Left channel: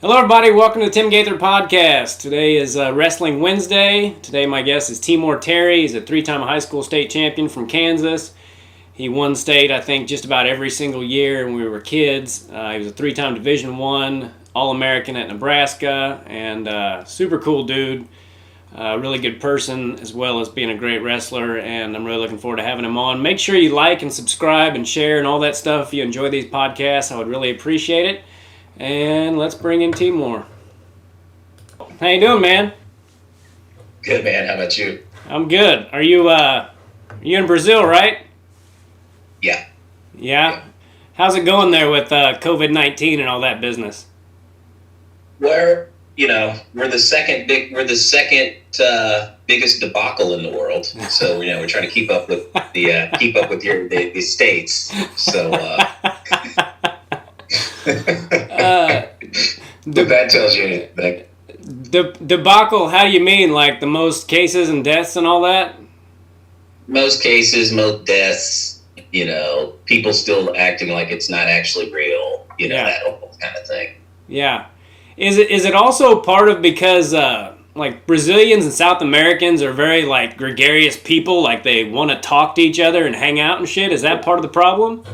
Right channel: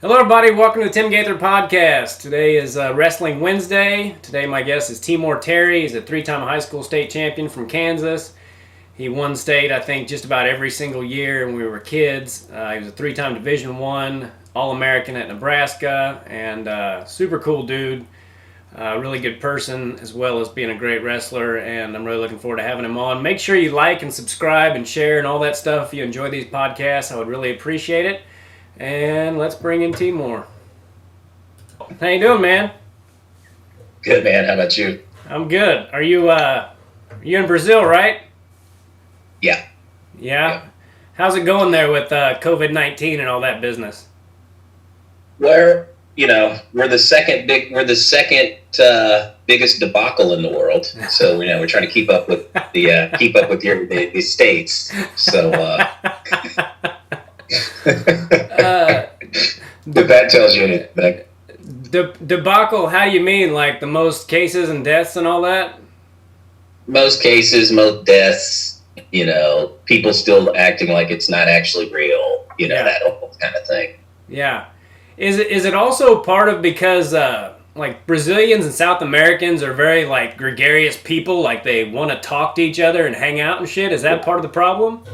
Hello, everybody. Welcome to the Tim Gaither Podcast. Today is Wrestling Wednesday. Today, my guest is Temoer Terry. He's a three-time high school state champion from Kansas. He won state, I think, just about every single year when we were kids. He was a three-time Division I All-American at Nebraska, and super cool dude. Really good person, as well as being a great wrestler, and I'm really looking forward to having him on. Make sure you like and subscribe and share and all that stuff if you enjoy these podcasts. I would really appreciate it. And let's bring in Timor. How you doing, man? Good, man. How about you? I'm good. Are you in Brazil, right? Yeah. Yeah? How's it going there with COVID-19 and all that business? We're the second biggest debacle in the world. So we're trying to keep up with the states. So if that tells you anything. Debacle, how do you mean? Like the most cases and deaths and all that? Most cases, most deaths, people still acting like it's not actually real, that whole kind of thing. Yeah. Is it also part of because like Brazilians and South Americans are very like gregarious people, like they want to talk to each other and hang out and shit? Is that part of the problem?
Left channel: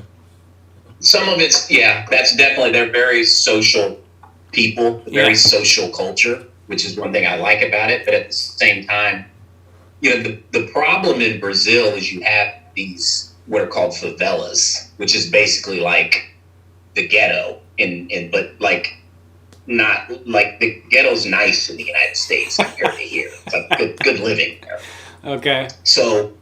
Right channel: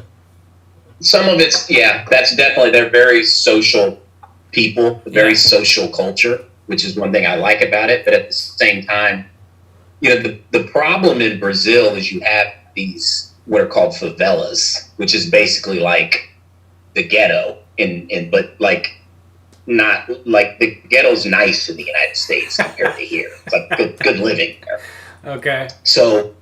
Some of it's, that's definitely, they're very social people, very social culture, which is one thing I like about it. But at the same time, the problem in Brazil is you have these, what are called favelas, which is basically like the ghetto, but like, not like the ghetto's nice in the United States compared to here. It's like good living there. Okay. So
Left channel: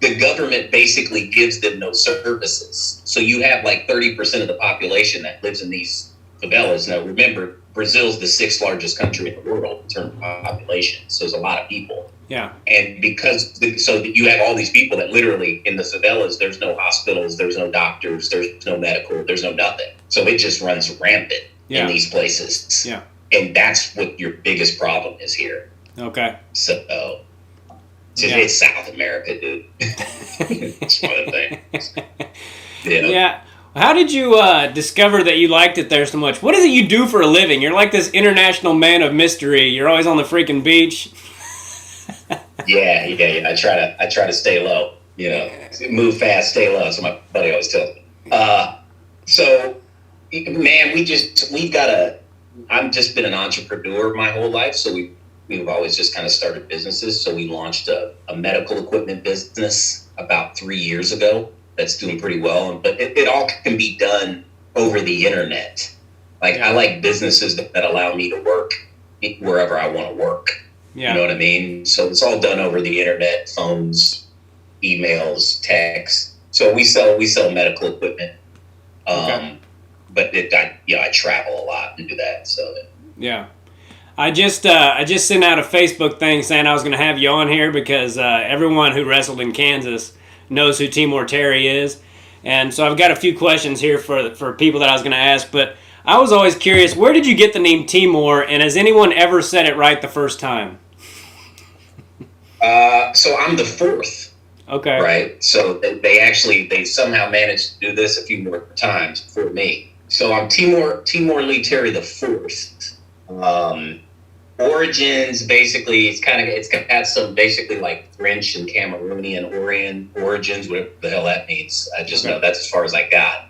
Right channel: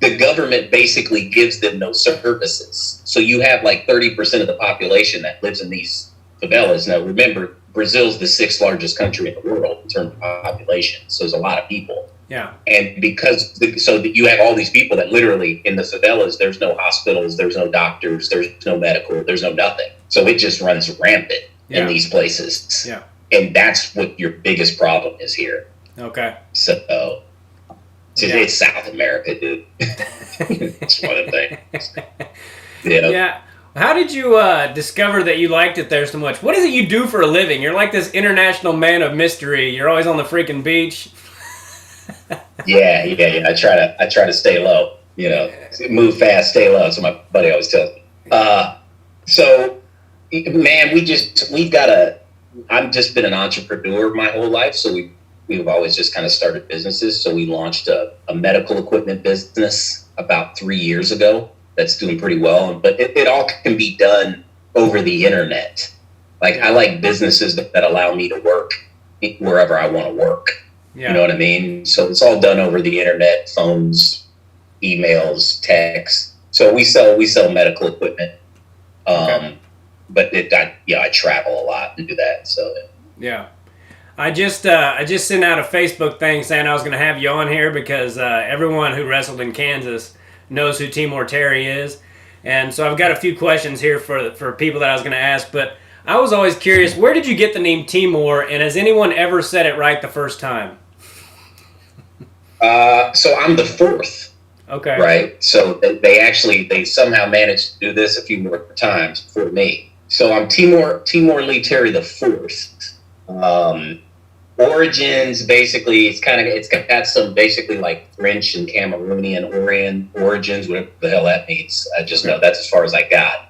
the government basically gives them no services. So you have like 30% of the population that lives in these favelas. Now, remember, Brazil's the sixth largest country in the world in terms of population. So there's a lot of people. Yeah. And you have all these people that literally in the favelas, there's no hospitals, there's no doctors, there's no medical, there's no nothing. So it just runs rampant in these places. Yeah. And that's what your biggest problem is here. Okay. So it's South America, dude. It's one of the things. Yeah. How did you discover that you liked it there so much? What is it you do for a living? You're like this international man of mystery. You're always on the freaking beach. Yeah. I try to stay low. Move fast, stay low. So my buddy always tells me. So, man, I've just been an entrepreneur my whole life. So we've always just kind of started businesses. So we launched a medical equipment business about 3 years ago. That's doing pretty well, but it all can be done over the internet. I like businesses that allow me to work wherever I want to work. Yeah. You know what I mean? So it's all done over the internet, phones, emails, text. So we sell medical equipment. But I travel a lot to do that. So yeah. I just sent out a Facebook thing saying I was going to have you on here because everyone who wrestled in Kansas knows who Temoer Terry is. And so I've got a few questions here for people that I was going to ask, but I was always curious, where did you get the name Timor, and has anyone ever said it right the first time? So I'm the fourth. Okay. Right? So they somehow managed to do this a few more times before me. So I'm Temoer Lee Terry the fourth. Origins, basically, it's got some basically like French and Cameroonian origins, whatever the hell that means. I just know that's as far as I got.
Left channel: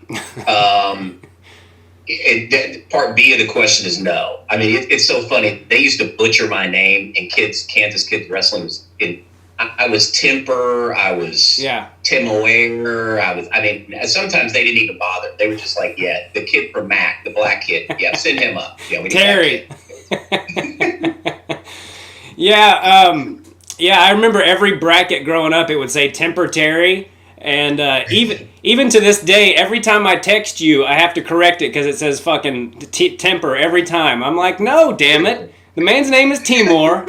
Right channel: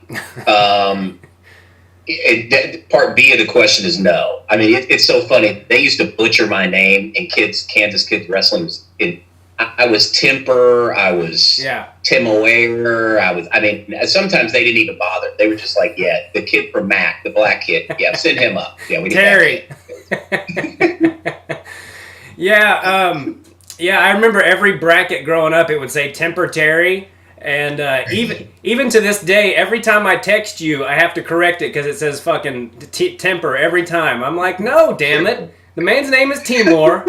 Part B of the question is no. I mean, it's so funny. They used to butcher my name, and Kansas kids wrestling I was Temper. I was Temoer. Sometimes they didn't even bother. They were just like, the kid from Mac, the black kid. Yeah, send him up. Yeah, we Terry. I remember every bracket growing up, it would say Temper Terry. And even to this day, every time I text you, I have to correct it because it says fucking Temper every time. I'm like, no, damn it. The man's name is Timor.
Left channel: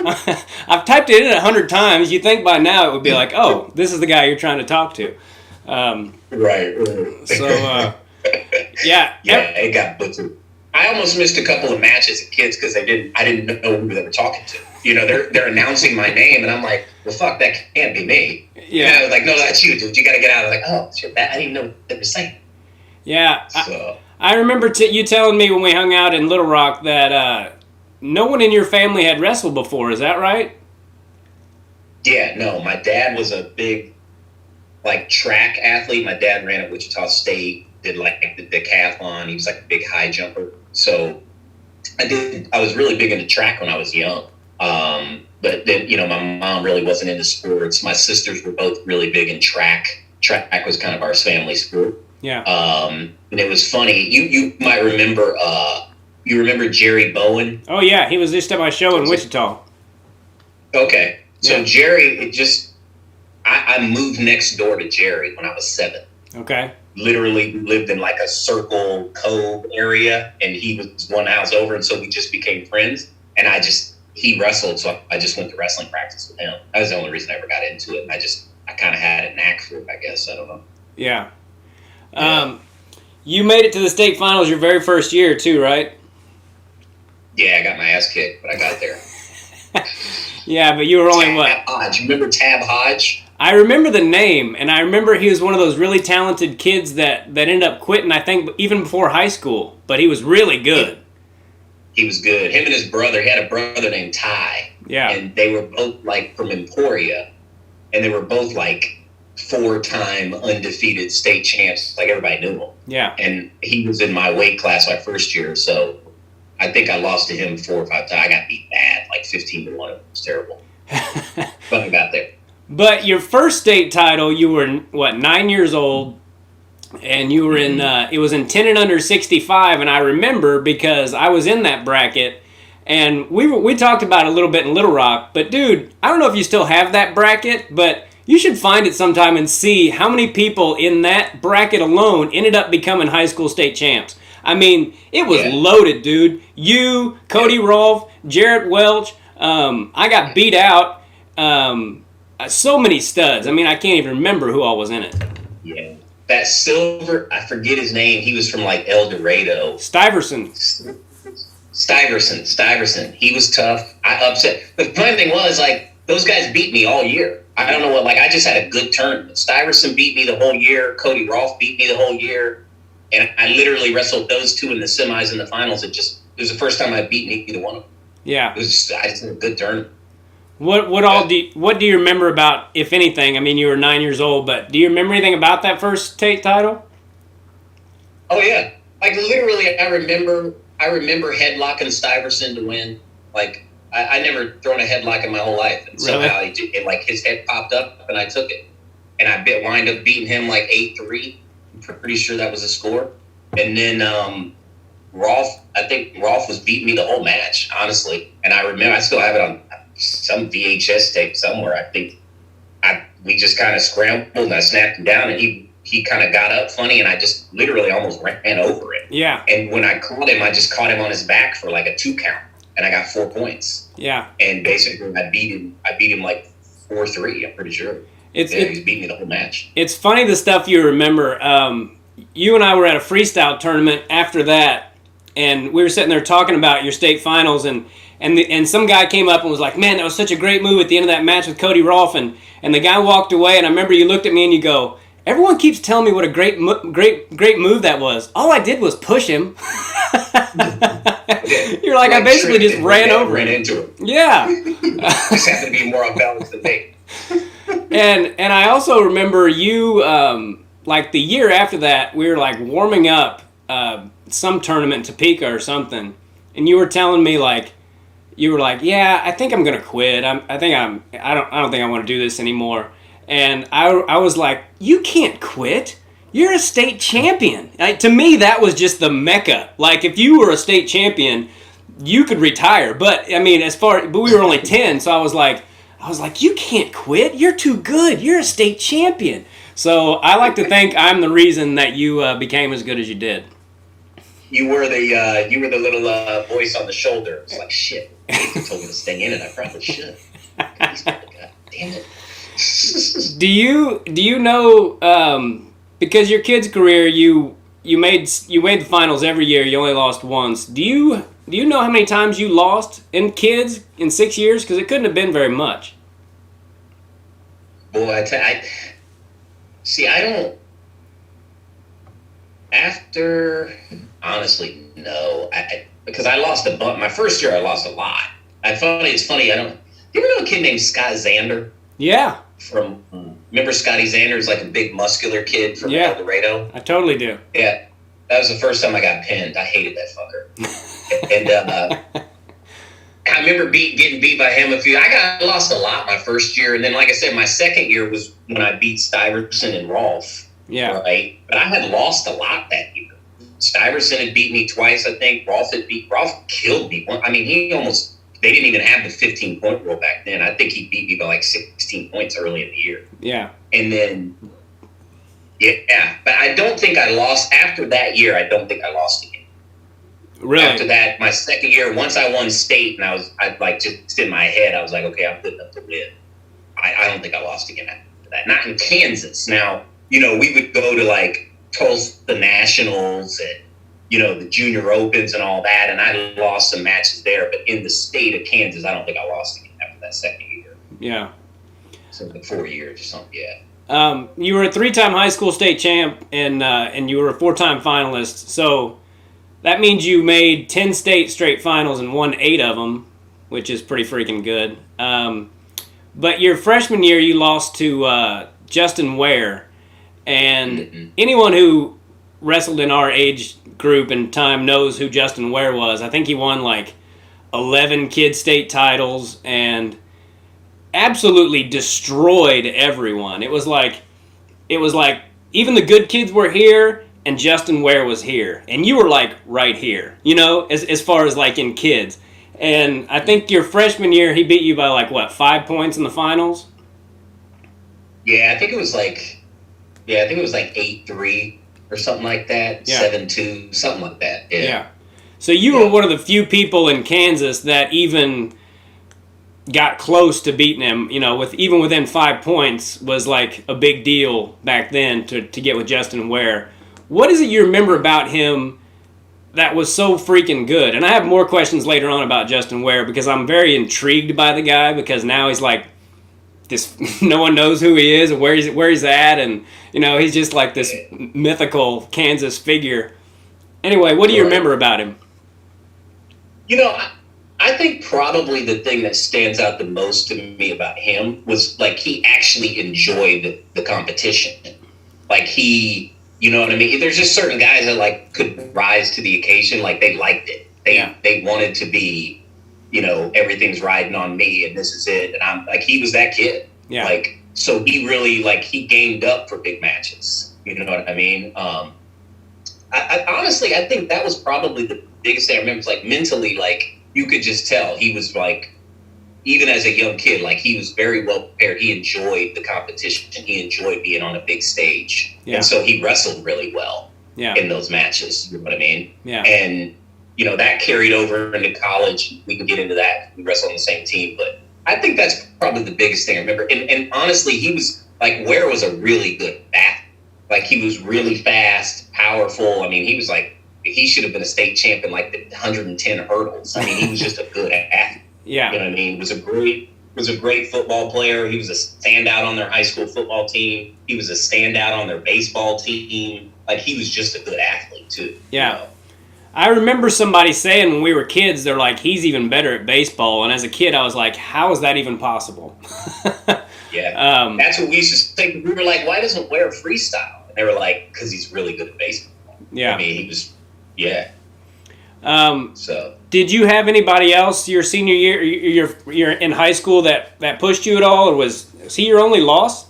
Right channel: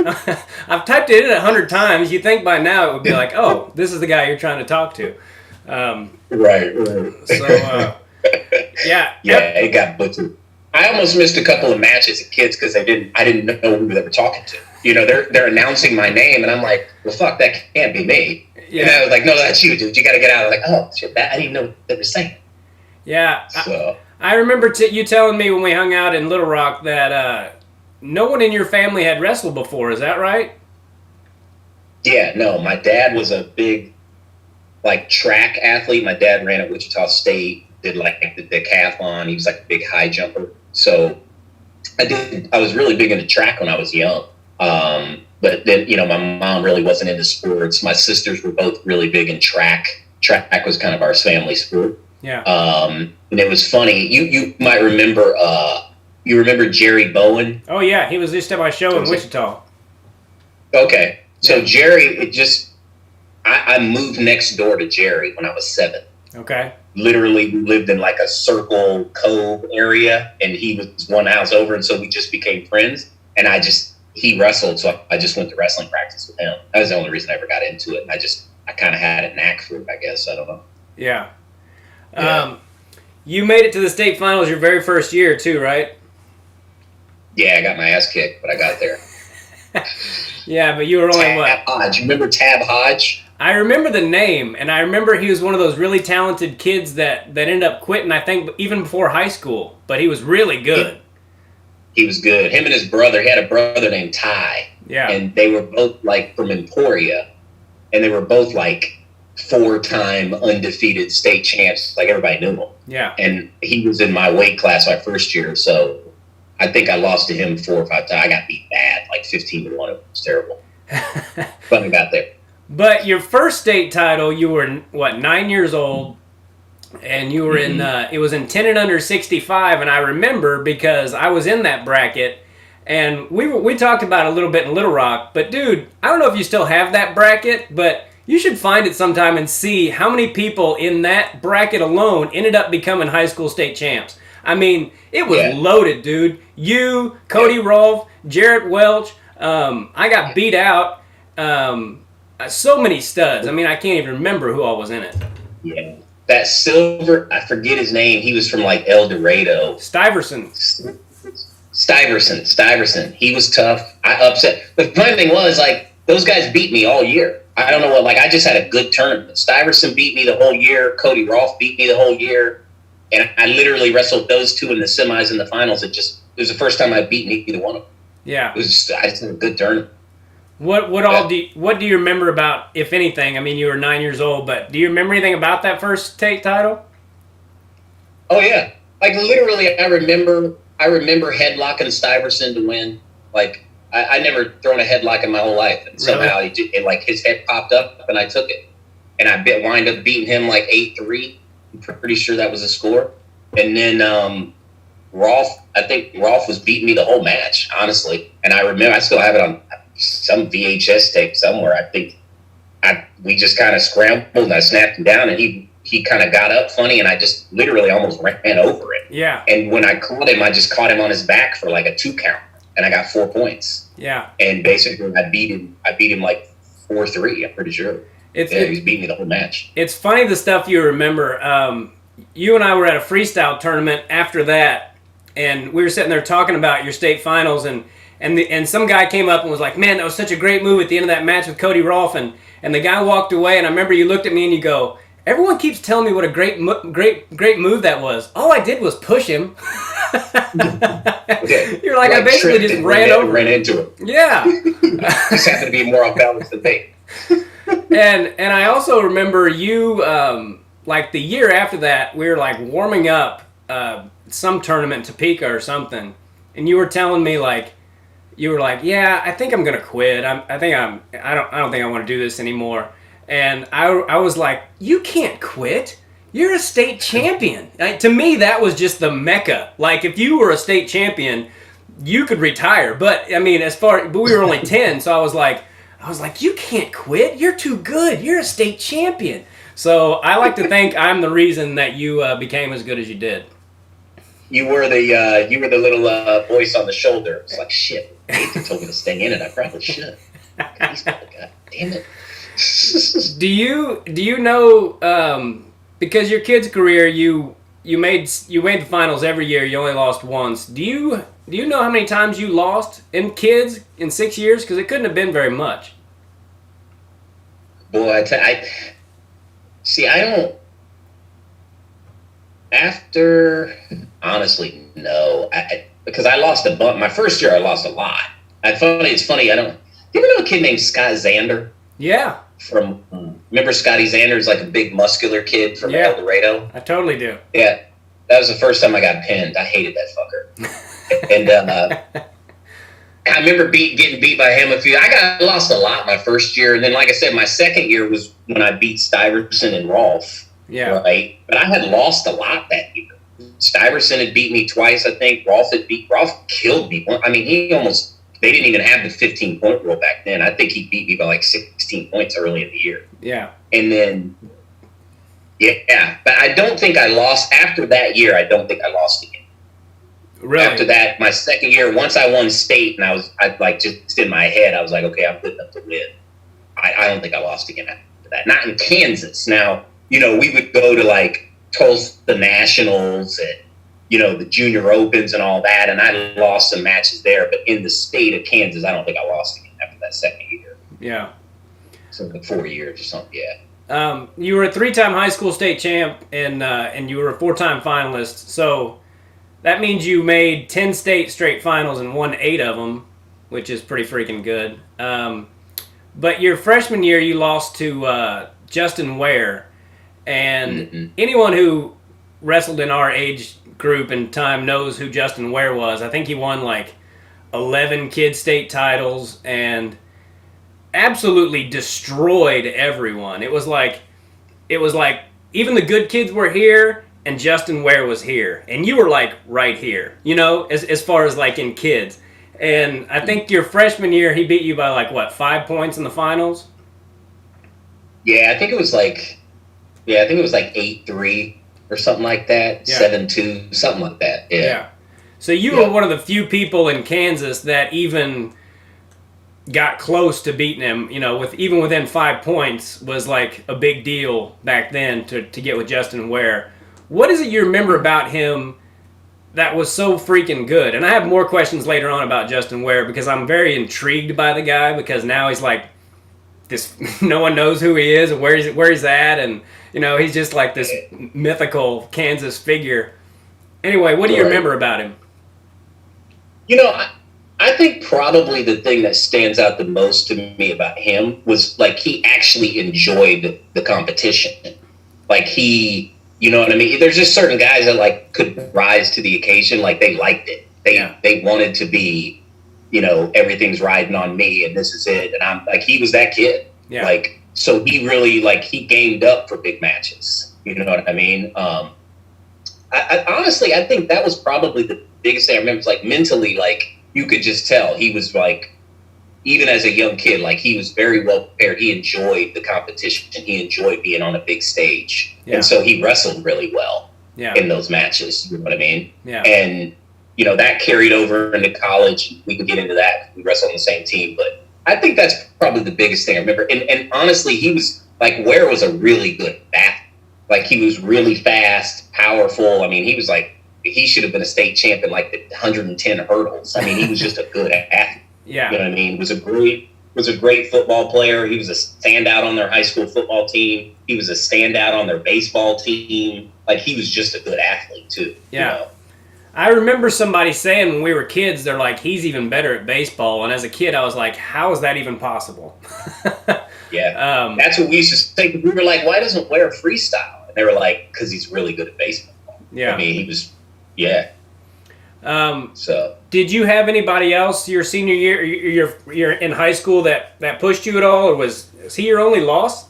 I've typed it in 100 times. You'd think by now it would be like, oh, this is the guy you're trying to talk to. Right. So, it got butchered. I almost missed a couple of matches of kids because I didn't know who they were talking to. They're announcing my name, and I'm like, well, fuck, that can't be me. Yeah. And I was like, no, that's you, dude. You got to get out. I'm like, oh, shit, I didn't even know what they were saying. Yeah. So I remember you telling me when we hung out in Little Rock that no one in your family had wrestled before. Is that right? Yeah, no, my dad was a big, like, track athlete. My dad ran at Wichita State, did, like, the decathlon. He was, like, a big high jumper. So I was really big into track when I was young. But then, my mom really wasn't into sports. My sisters were both really big in track. Track was kind of our family sport. Yeah. And it was funny. You might remember, you remember Jerry Bowen? Oh, yeah. He was just at my show in Wichita. Okay. So Yeah. Jerry, I moved next door to Jerry when I was 7. Okay. Literally lived in like a Circle Cove area, and he was one house over, and so we just became friends. And he wrestled, so I just went to wrestling practice with him. That was the only reason I ever got into it. And I kind of had a knack for it, I guess. I don't know. Yeah. You made it to the state finals your very first year too, right? Yeah, I got my ass kicked, but I got there. Yeah, but you were only what? Hodge. You remember Tab Hodge? I remember the name, and I remember he was one of those really talented kids that ended up quitting, I think, even before high school. But he was really good. He was good. Him and his brother, he had a brother named Ty. Yeah. And they were both, like, from Emporia. And they were both, like, 4-time undefeated state champs. Like, everybody knew him. Yeah. And he was in my weight class my first year, so I think I lost to him 4 or 5 times. I got beat bad, like 15-1. It was terrible. But I got there. But your first state title, you were, 9 years old, and you were in, it was in 10 and under 65, and I remember because I was in that bracket, and we talked about it a little bit in Little Rock, but dude, I don't know if you still have that bracket, but you should find it sometime and see how many people in that bracket alone ended up becoming high school state champs. I mean, it was loaded, dude. You, Cody Rolfe, Jarrett Welch, I got beat out. So many studs. I mean, I can't even remember who all was in it. Yeah. That silver, I forget his name. He was from, like, El Dorado. Stuyvesant. He was tough. I upset. The funny thing was, like, those guys beat me all year. I don't know what, like, I just had a good tournament. Stuyvesant beat me the whole year. Cody Rolfe beat me the whole year. And I literally wrestled those two in the semis and the finals. It was the first time I beat either one of them. Yeah. I just had a good tournament. What do you remember about, if anything? I mean, you were 9 years old, but do you remember anything about that first state title? Oh yeah, like literally, I remember headlocking Stuyvesant to win. Like I never thrown a headlock in my whole life, and somehow like his head popped up and I took it, and I wind up beating him like 8-3. I'm pretty sure that was the score. And then Rolfe, I think Rolfe was beating me the whole match, honestly. And I remember I still have it on some VHS tape somewhere. I think we just kind of scrambled and I snapped him down, and he kind of got up funny, and I just literally almost ran over him. Yeah. And when I caught him, I just caught him on his back for like a 2 count, and I got 4 points. Yeah. And basically, I beat him like 4-3. I'm pretty sure. He's beat me the whole match. It's funny the stuff you remember. You and I were at a freestyle tournament after that, and we were sitting there talking about your state finals, and some guy came up and was like, "Man, that was such a great move at the end of that match with Cody Rolfe." And the guy walked away, and I remember you looked at me and you go, "Everyone keeps telling me what a great move that was. All I did was push him." You're like, I basically just ran into it. Yeah. Just had to be more on balance than me. And I also remember you, like the year after that, we were like warming up some tournament in Topeka or something, and you were telling me like, yeah, I think I'm gonna quit. I don't think I want to do this anymore. And I was like, you can't quit. You're a state champion. To me, that was just the mecca. Like, if you were a state champion, you could retire. But I mean, but we were only 10, so I was like, you can't quit. You're too good. You're a state champion. So I like to think I'm the reason that you became as good as you did. You were the little voice on the shoulder. It's like, shit, they told me to stay in it. I probably should. God damn it. Do you know, because your kid's career, you made the finals every year, you only lost once. Do you know how many times you lost in kids in 6 years? Because it couldn't have been very much. Boy, I don't. After honestly, no. Because I lost a bunch. My first year, I lost a lot. It's funny. Do you ever know a kid named Scott Zander? Yeah. Remember Scotty Zander's like a big muscular kid from El Dorado? I totally do. Yeah. That was the first time I got pinned. I hated that fucker. And I remember getting beat by him I lost a lot my first year. And then, like I said, my second year was when I beat Stuyvesant and Rolfe. Yeah. Right. But I had lost a lot that year. Stuyvesant had beat me twice, I think. Rolfe killed me. I mean, they didn't even have the 15-point rule back then. I think he beat me by like 16 points early in the year. Yeah. And then, yeah. But I don't think I lost. After that year, I don't think I lost again. Really? After that, my second year, once I won state, and I like just in my head, I was like, okay, I'm good enough to win. I don't think I lost again after that. Not in Kansas. Now, we would go to like Tulsa Nationals and, the Junior Opens and all that, and I lost some matches there. But in the state of Kansas, I don't think I lost again after that second year. Yeah. So like 4 years or something, yeah. You were a 3-time high school state champ, and you were a 4-time finalist. So that means you made 10 state straight finals and won 8 of them, which is pretty freaking good. But your freshman year, you lost to Justin Ware. And anyone who wrestled in our age group and time knows who Justin Ware was. I think he won like 11 kid state titles and absolutely destroyed everyone. It was like even the good kids were here and Justin Ware was here. And you were like right here, as far as like in kids. And I think your freshman year, he beat you by like, 5 points in the finals? Yeah, I think it was like 8-3 or something like that. Yeah. 7-2, something like that. Yeah. So you were one of the few people in Kansas that even got close to beating him, even within 5 points was like a big deal back then to get with Justin Ware. What is it you remember about him that was so freaking good? And I have more questions later on about Justin Ware because I'm very intrigued by the guy because now he's like this, no one knows who he is or where he's at, and he's just like this mythical Kansas figure. Anyway, what do you remember about him? I think probably the thing that stands out the most to me about him was like he actually enjoyed the competition. Like he, you know what I mean? There's just certain guys that like could rise to the occasion, like they liked it. They wanted to be, everything's riding on me and this is it. And I'm like, he was that kid. Yeah. Like, so he really he gained up for big matches. You know what I mean? I honestly, I think that was probably the biggest thing. I remember, like mentally, like you could just tell he was like, even as a young kid, like he was very well prepared. He enjoyed the competition. He enjoyed being on a big stage. Yeah. And so he wrestled really well in those matches. You know what I mean? Yeah. And, that carried over into college. We could get into that. We wrestled on the same team. But I think that's probably the biggest thing I remember. And honestly, he was like, Ware was a really good athlete. Like he was really fast, powerful. I mean, he was like, he should have been a state champ in like the 110 hurdles. I mean, he was just a good athlete. Yeah. You know what I mean? Was a great football player. He was a standout on their high school football team. He was a standout on their baseball team. Like he was just a good athlete too. Yeah. I remember somebody saying when we were kids, they're like, he's even better at baseball. And as a kid, I was like, how is that even possible? Yeah. That's what we used to say. We were like, why doesn't Ware freestyle? And they were like, because he's really good at baseball. Yeah. I mean, he was, yeah. So did you have anybody else your senior year, you're in high school that pushed you at all, or was he your only loss?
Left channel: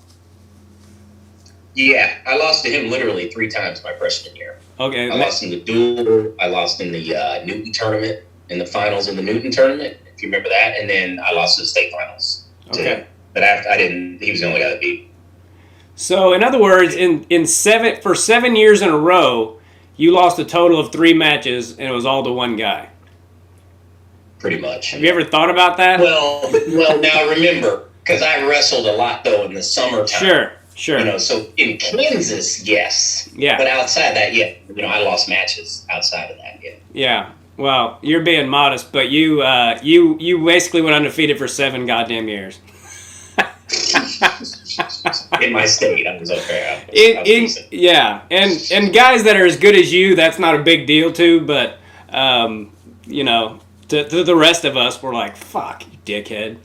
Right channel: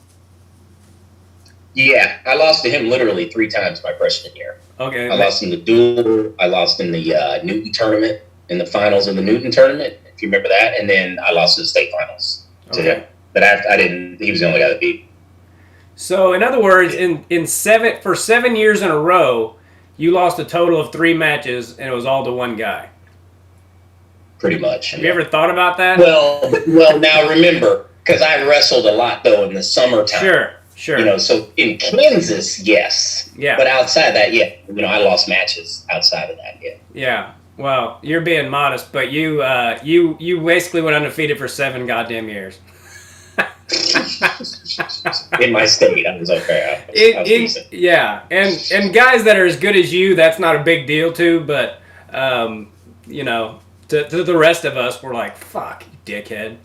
Yeah, I lost to him literally 3 times my freshman year. Okay. I lost in the duel. I lost in the Newton tournament, in the finals in the Newton tournament, if you remember that, and then I lost in the state finals. Okay. But I didn't. He was the only guy that beat. So in other words, for 7 years in a row, you lost a total of 3 matches, and it was all to one guy. Pretty much. Have you ever thought about that? Well, now remember, because I wrestled a lot though in the summertime. Sure. So in Kansas, yes. Yeah. But outside that, yeah. I lost matches outside of that, yeah. Yeah. Well, you're being modest, but you basically went undefeated for 7 goddamn years. In my state, I was okay. I was decent. Yeah, and guys that are as good as you, that's not a big deal too. But you know, to the rest of us, we're like, fuck, you dickhead.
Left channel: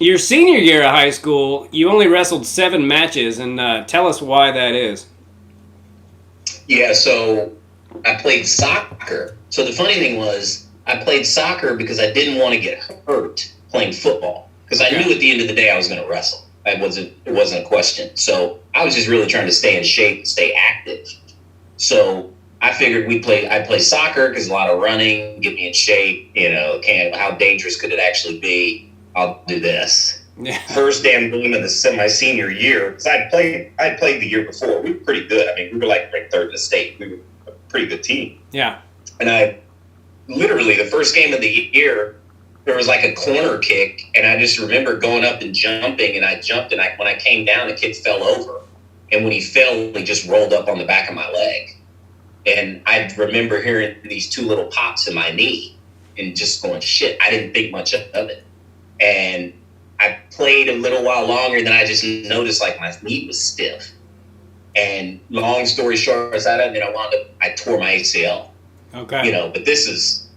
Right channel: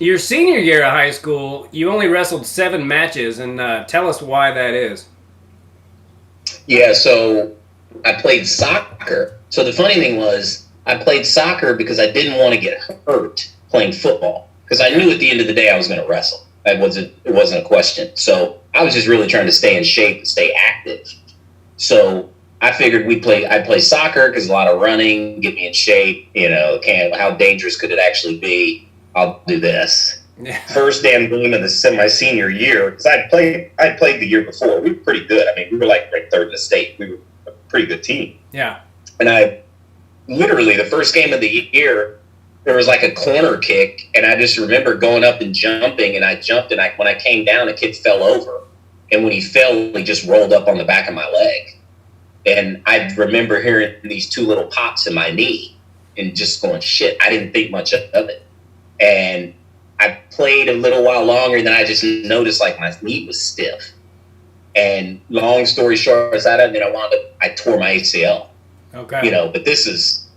Your senior year of high school, you only wrestled 7 matches, and tell us why that is. Yeah, so I played soccer. So the funny thing was, I played soccer because I didn't want to get hurt playing football. Because I knew at the end of the day I was going to wrestle. It wasn't a question. So I was just really trying to stay in shape and stay active. So I figured I'd play soccer because a lot of running, get me in shape. You know, how dangerous could it actually be? I'll do this. Yeah. First damn game of my senior year, because I'd played the year before. We were pretty good. I mean, we were like ranked third in the state. We were a pretty good team. Yeah. And I literally, the first game of the year, there was like a corner kick, and I just remember going up and jumping, and I jumped, and when I came down, the kid fell over. And when he fell, he just rolled up on the back of my leg. And I remember hearing these 2 little pops in my knee and just going, shit, I didn't think much of it. And I played a little while longer, and then I just noticed like my knee was stiff. And long story short, and then I tore my ACL. Okay. You know, but this is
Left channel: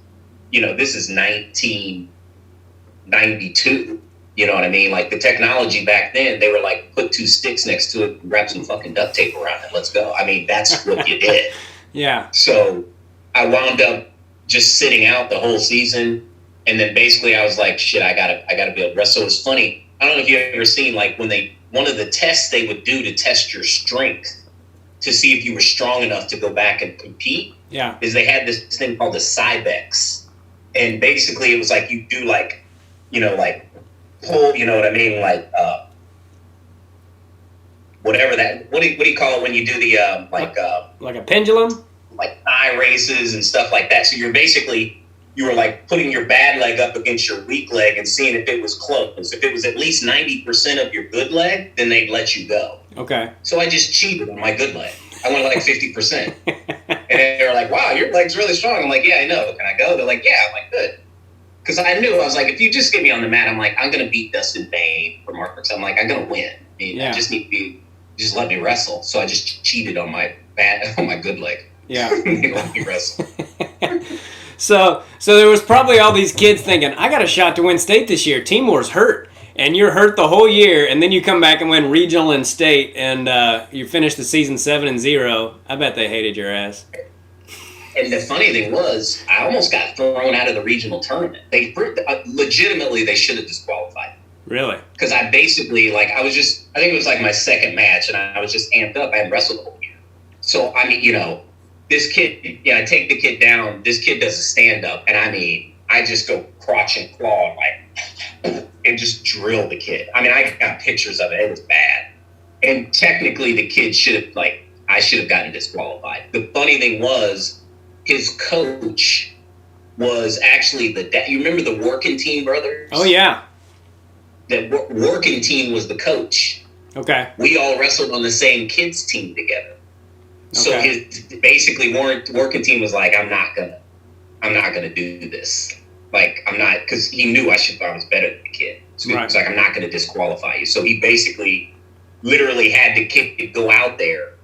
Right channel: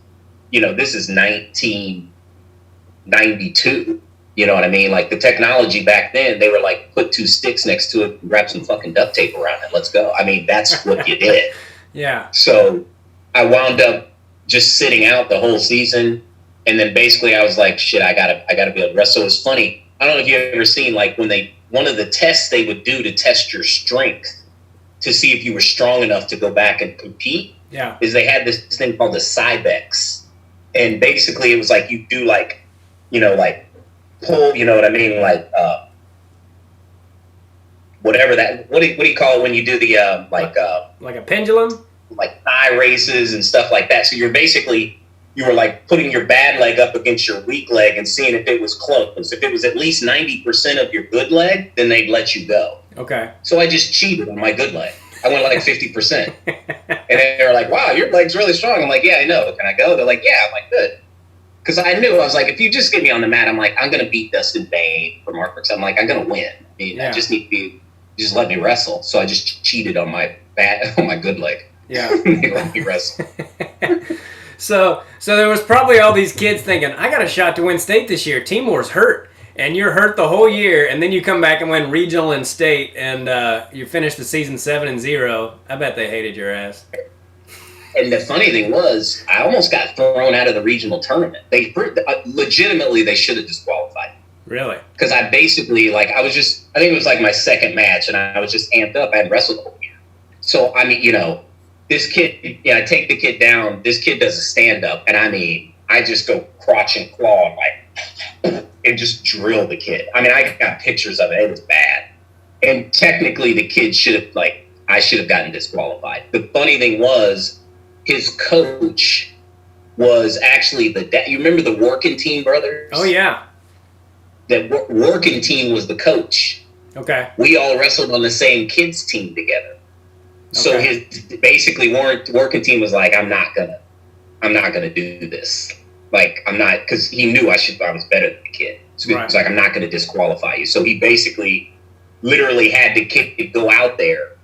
1992. You know what I mean? Like the technology back then, they were like, put 2 sticks next to it and wrap some fucking duct tape around it. Let's go. I mean, that's what you did. Yeah. So I wound up just sitting out the whole season. And then basically I was like, shit, I gotta be able to wrestle. So it's funny. I don't know if you've ever seen like one of the tests they would do to test your strength to see if you were strong enough to go back and compete. Yeah. Is they had this thing called the Cybex. And basically it was like you do like, you know, like pull, you know what I mean? Like whatever that, what do you call it when you do the like a pendulum? Like thigh races and stuff like that. So you were like putting your bad leg up against your weak leg and seeing if it was close. If it was at least 90% of your good leg, then they'd let you go. Okay. So I just cheated on my good leg. I went like 50%. And they were like, wow, your leg's really strong. I'm like, yeah, I know. Can I go? They're like, yeah. I'm like, good. Because I knew, I was like, if you just get me on the mat, I'm like, I'm going to beat Dustin Bain from Ark City. I'm like, I'm going to win. I just need to just let me wrestle. So I just cheated on my good leg. Yeah. They let me wrestle. So there was probably all these kids thinking, I got a shot to win state this year. Timor's hurt. And you're hurt the whole year, and then you come back and win regional and state, and you finish the season 7-0. I bet they hated your ass. And the funny thing was, I almost got thrown out of the regional tournament. They legitimately, they should have disqualified me. Really? Because I basically, like, I think it was like my second match, and I was just amped up. I had wrestled the whole year. So, I mean, you know, this kid, I take the kid down. This kid does a stand-up, and I mean, I just go crotch and claw and and just drill the kid. I mean, I got pictures of it. It was bad. And technically, the kid I should have gotten disqualified. The funny thing was, his coach was actually the dad. You remember the Working Team brothers? Oh, yeah. That Working Team was the coach. Okay. We all wrestled on the same kids team together. Okay. So basically Working Team was like, I'm not gonna do this. Like, I'm not, because he knew I was better than the kid. So he was like, I'm not going to disqualify you. So he basically literally had the kid go out there,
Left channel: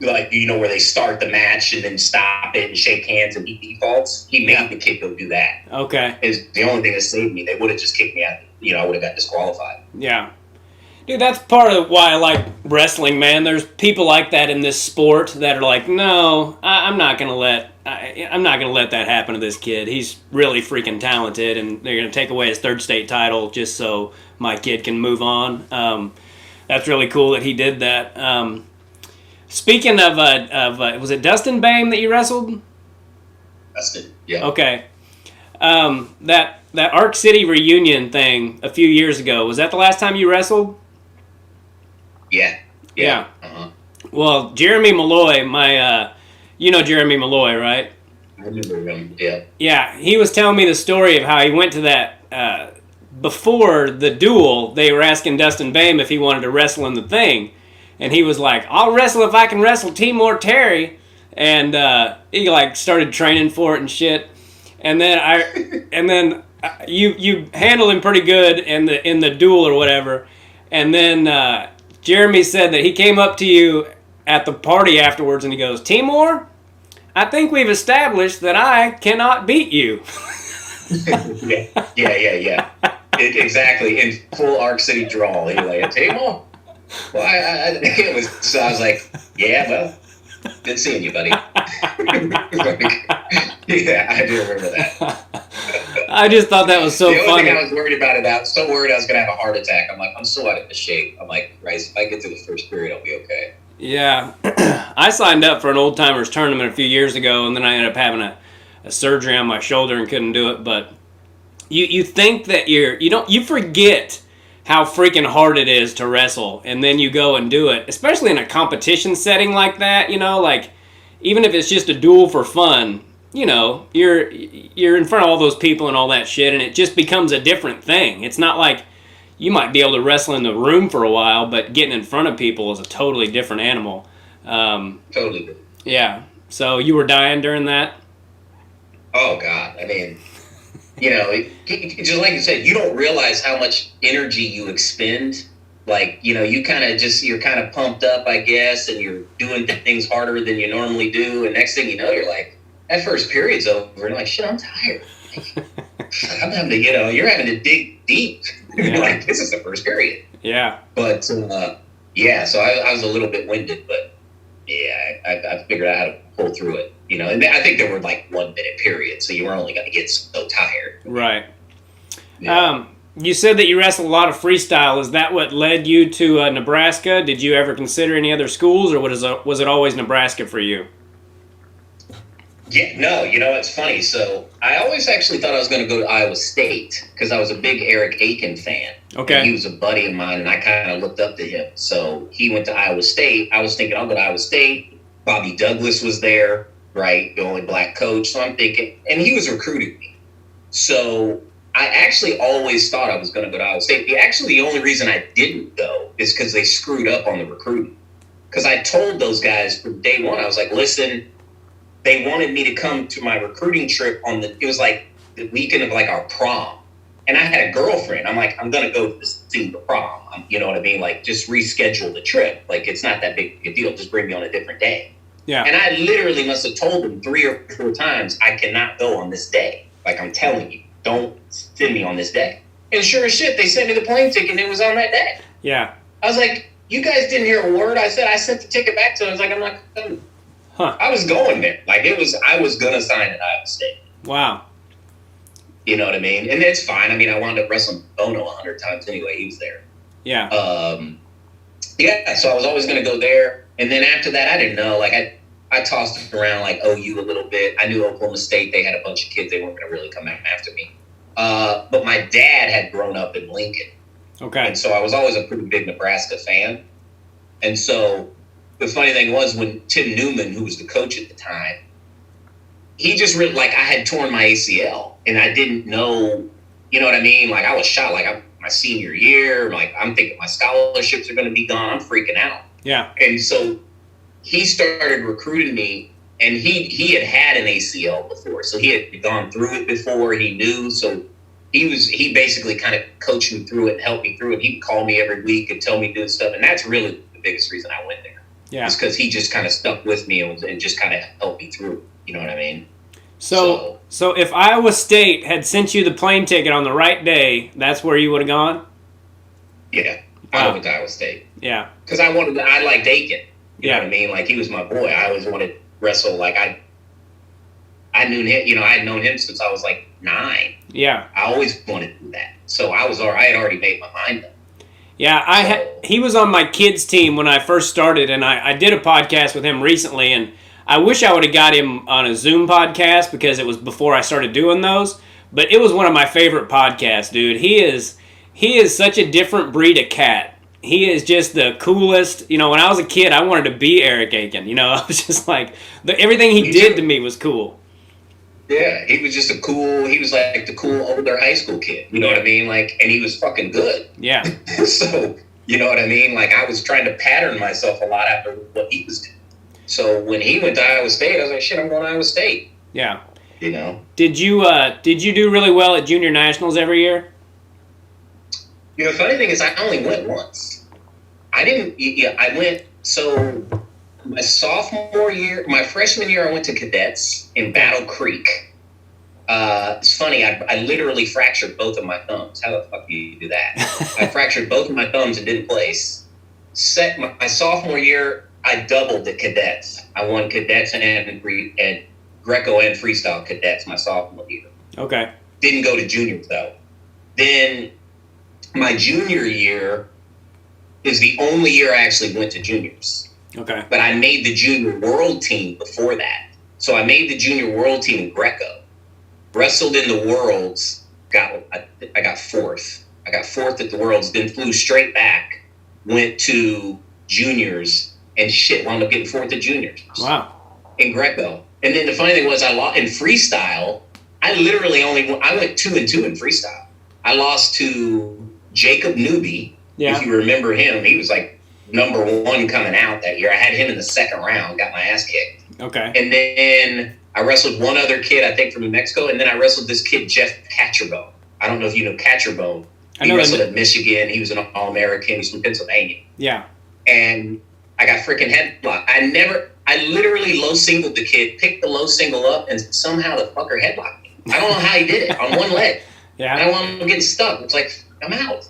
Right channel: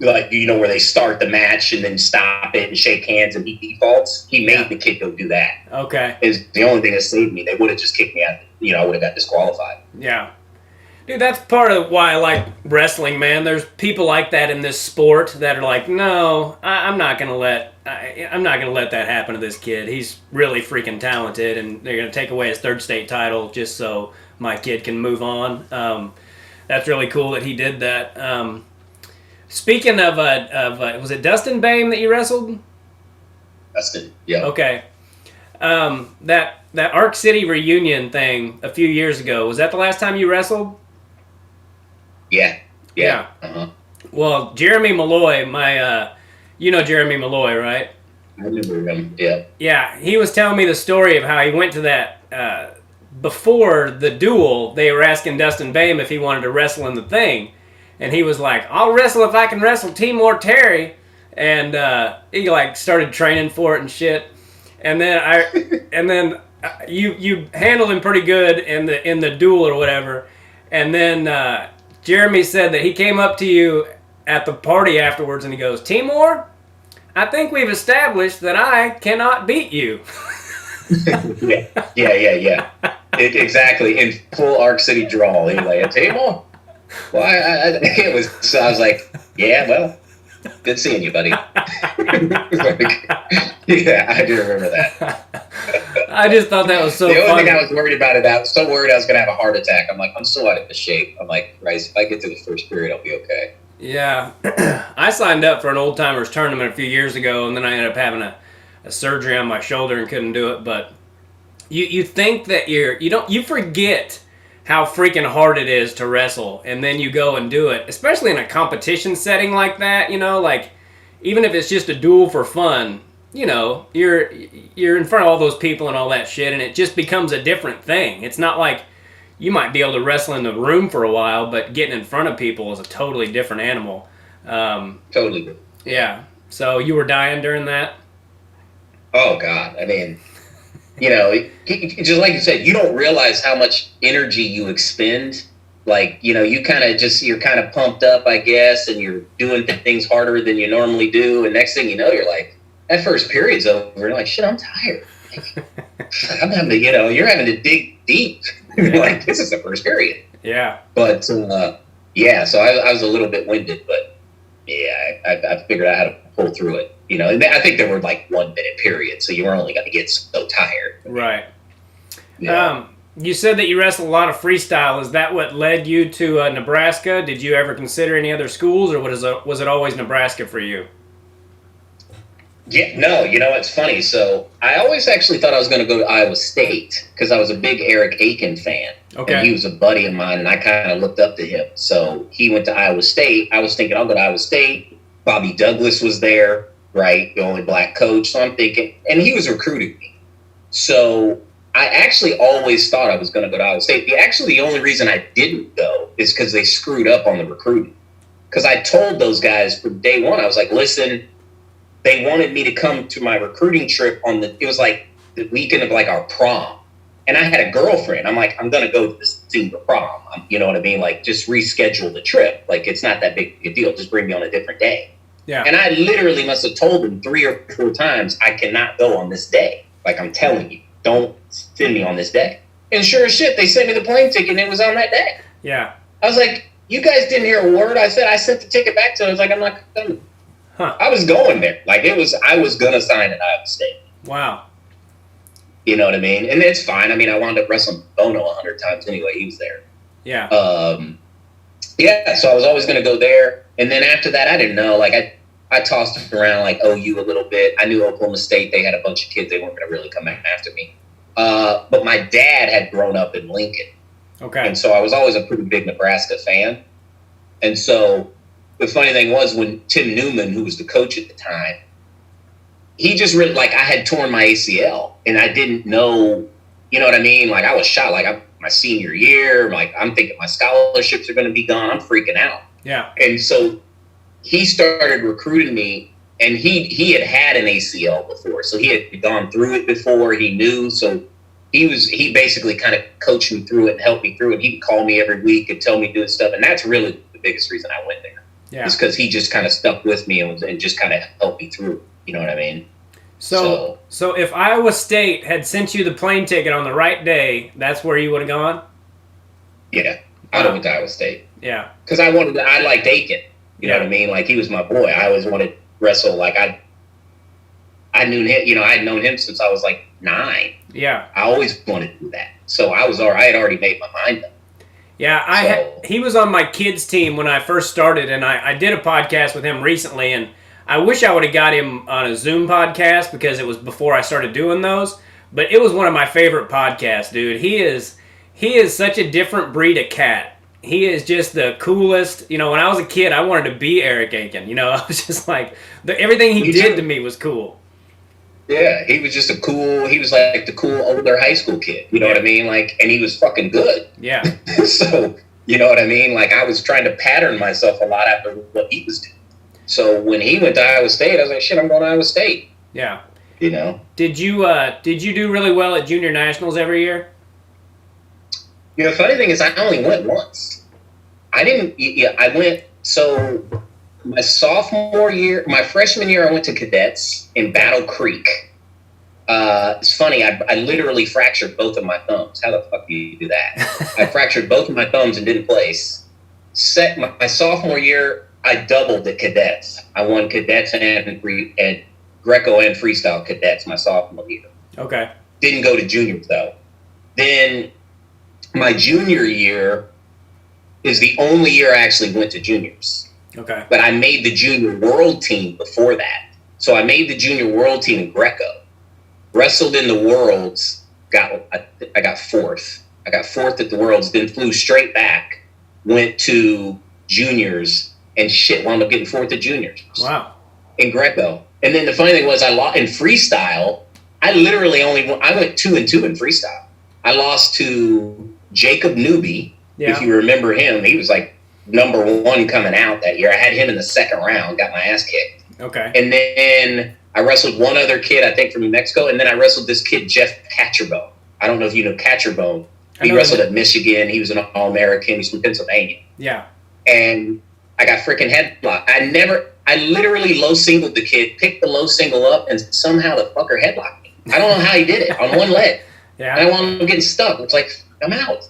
like, you know, where they start the match and then stop it and shake hands and he defaults. He made the kid go do that. Okay. Is the only thing that saved me. They would have just kicked me out. You know, I would have got disqualified. Yeah. Dude, that's part of why I like wrestling, man. There's people like that in this sport that are like, no, I'm not gonna let that happen to this kid. He's really freaking talented, and they're gonna take away his third state title just so my kid can move on. That's really cool that he did that. Speaking of was it Dustin Bain that you wrestled? Dustin, yeah. Okay. That Ark City reunion thing a few years ago, was that the last time you wrestled? Yeah. Uh-huh. Well, Jeremy Malloy, you know Jeremy Malloy, right? I remember him, yeah. Yeah, he was telling me the story of how he went to that, before the duel, they were asking Dustin Bain if he wanted to wrestle in the thing. And he was like, I'll wrestle if I can wrestle Temoer Terry. And he like started training for it and shit. And then you handled him pretty good in the duel or whatever, and then Jeremy said that he came up to you at the party afterwards and he goes, Timor, I think we've established that I cannot beat you. Yeah. Exactly. In full Ark City drawl, anyway. And Timor, well, it was. So I was like, yeah, well, good seeing you, buddy. Yeah, I do remember that. I just thought that was so the only funny. thing I was worried about it. I was so worried I was going to have a heart attack. I'm like, I'm so out of shape. I'm like, Rice, if I get to the first period, I'll be okay. Yeah, I signed up for an old timers tournament a few years ago, and then I ended up having a surgery on my shoulder and couldn't do it. But you think that you forget how freaking hard it is to wrestle, and then you go and do it, especially in a competition setting like that. Like even if it's just a duel for fun, you're in front of all those people and all that shit, and it just becomes a different thing. It's not like you might be able to wrestle in the room for a while, but getting in front of people is a totally different animal. Totally. Yeah. So you were dying during that? Oh, God. I mean, just like you said, you don't realize how much energy you expend. Like, you kind of you're kind of pumped up, I guess, and you're doing things harder than you normally do. And next thing you know, you're like, that first period's over. And you're like, shit, I'm tired. I'm having to, you're having to dig deep. Yeah. Like, this is the first period. Yeah. But, so I was a little bit winded, but yeah, I figured out how to pull through it, and I think there were like 1 minute periods, so you were only going to get so tired. Right. Yeah. You said that you wrestled a lot of freestyle. Is that what led you to Nebraska? Did you ever consider any other schools, or was it always Nebraska for you? Yeah, no, it's funny. So I always actually thought I was going to go to Iowa State because I was a big Eric Aiken fan. Okay. And he was a buddy of mine, and I kind of looked up to him. So he went to Iowa State. I was thinking, I'll go to Iowa State. Bobby Douglas was there, right? The only black coach. So I'm thinking, and he was recruiting me. So I actually always thought I was going to go to Iowa State. The only reason I didn't go is because they screwed up on the recruiting. Because I told those guys from day one, I was like, listen, they wanted me to come to my recruiting trip it was like the weekend of like our prom. And I had a girlfriend. I'm like, I'm going to go to this thing for prom. You know what I mean? Like, just reschedule the trip. Like, it's not that big a deal. Just bring me on a different day. Yeah. And I literally must have told them 3 or 4 times, I cannot go on this day. Like, I'm telling you, don't send me on this day. And sure as shit, they sent me the plane ticket and it was on that day. Yeah. I was like, you guys didn't hear a word I said. I sent the ticket back to them. I was like, I'm not coming. Huh. I was going there. Like, I was going to sign at Iowa State. Wow. You know what I mean? And it's fine. I mean, I wound up wrestling Bono 100 times anyway. He was there. Yeah. So I was always going to go there. And then after that, I didn't know. Like, I tossed it around like OU a little bit. I knew Oklahoma State. They had a bunch of kids. They weren't going to really come after me. But my dad had grown up in Lincoln. Okay. And so I was always a pretty big Nebraska fan. And so the funny thing was when Tim Newman, who was the coach at the time, he just really, like, I had torn my ACL and I didn't know, you know what I mean? Like, I was shot, like, my senior year, like, I'm thinking my scholarships are going to be gone. I'm freaking out. Yeah. And so he started recruiting me, and he had an ACL before. So he had gone through it before. He knew. So he basically kind of coached me through it and helped me through it. He'd call me every week and tell me to do stuff. And that's really the biggest reason I went there. Yeah. It's because he just kind of stuck with me and just kind of helped me through. You know what I mean? So if Iowa State had sent you the plane ticket on the right day, that's where you would have gone? Yeah. I went to Iowa State. Yeah. Because I liked Aiken. You know what I mean? Like, he was my boy. I always wanted to wrestle. Like, I knew him, I'd known him since I was like 9. Yeah. I always wanted to do that. So I had already made my mind up. Yeah, he was on my kids' team when I first started, and I did a podcast with him recently, and I wish I would have got him on a Zoom podcast because it was before I started doing those, but it was one of my favorite podcasts, dude. He is such a different breed of cat. He is just the coolest. When I was a kid, I wanted to be Eric Aiken. I was just like, everything he did to me was cool. Yeah, he was just he was like the cool older high school kid. You know what I mean? Like, and he was fucking good. Yeah. So, you know what I mean? Like, I was trying to pattern myself a lot after what he was doing. So when he went to Iowa State, I was like, shit, I'm going to Iowa State. Yeah. you know. Did you do really well at junior nationals every year? You know, the funny thing is, I only went once. I didn't. Yeah, I went. So my sophomore year, my freshman year, I went to cadets in Battle Creek. It's funny. I literally fractured both of my thumbs. How the fuck do you do that? I fractured both of my thumbs and didn't place. My sophomore year, I doubled at cadets. I won cadets and Greco and freestyle cadets my sophomore year. Okay. Didn't go to juniors though. Then my junior year is the only year I actually went to juniors. Okay. But I made the junior world team before that. So I made the junior world team in Greco. Wrestled in the worlds. I got fourth. I got fourth at the worlds. Then flew straight back. Went to juniors and wound up getting fourth at juniors. Wow. In Greco. And then the funny thing was, I lost in freestyle. I went 2-2 in freestyle. I lost to Jacob Newby. Yeah. If you remember him, he was like number 1 coming out that year. I had him in the second round, got my ass kicked. Okay. And then I wrestled one other kid, I think from New Mexico, and then I wrestled this kid, Jeff Catcherbone. I don't know if you know Catcherbone. He wrestled at Michigan. He was an All-American. He was from Pennsylvania. Yeah. And I got freaking headlocked. I literally low singled the kid, picked the low single up, and somehow the fucker headlocked me. I don't know how he did it on one leg. Yeah. And I wound up getting stuck. It's like, I'm out.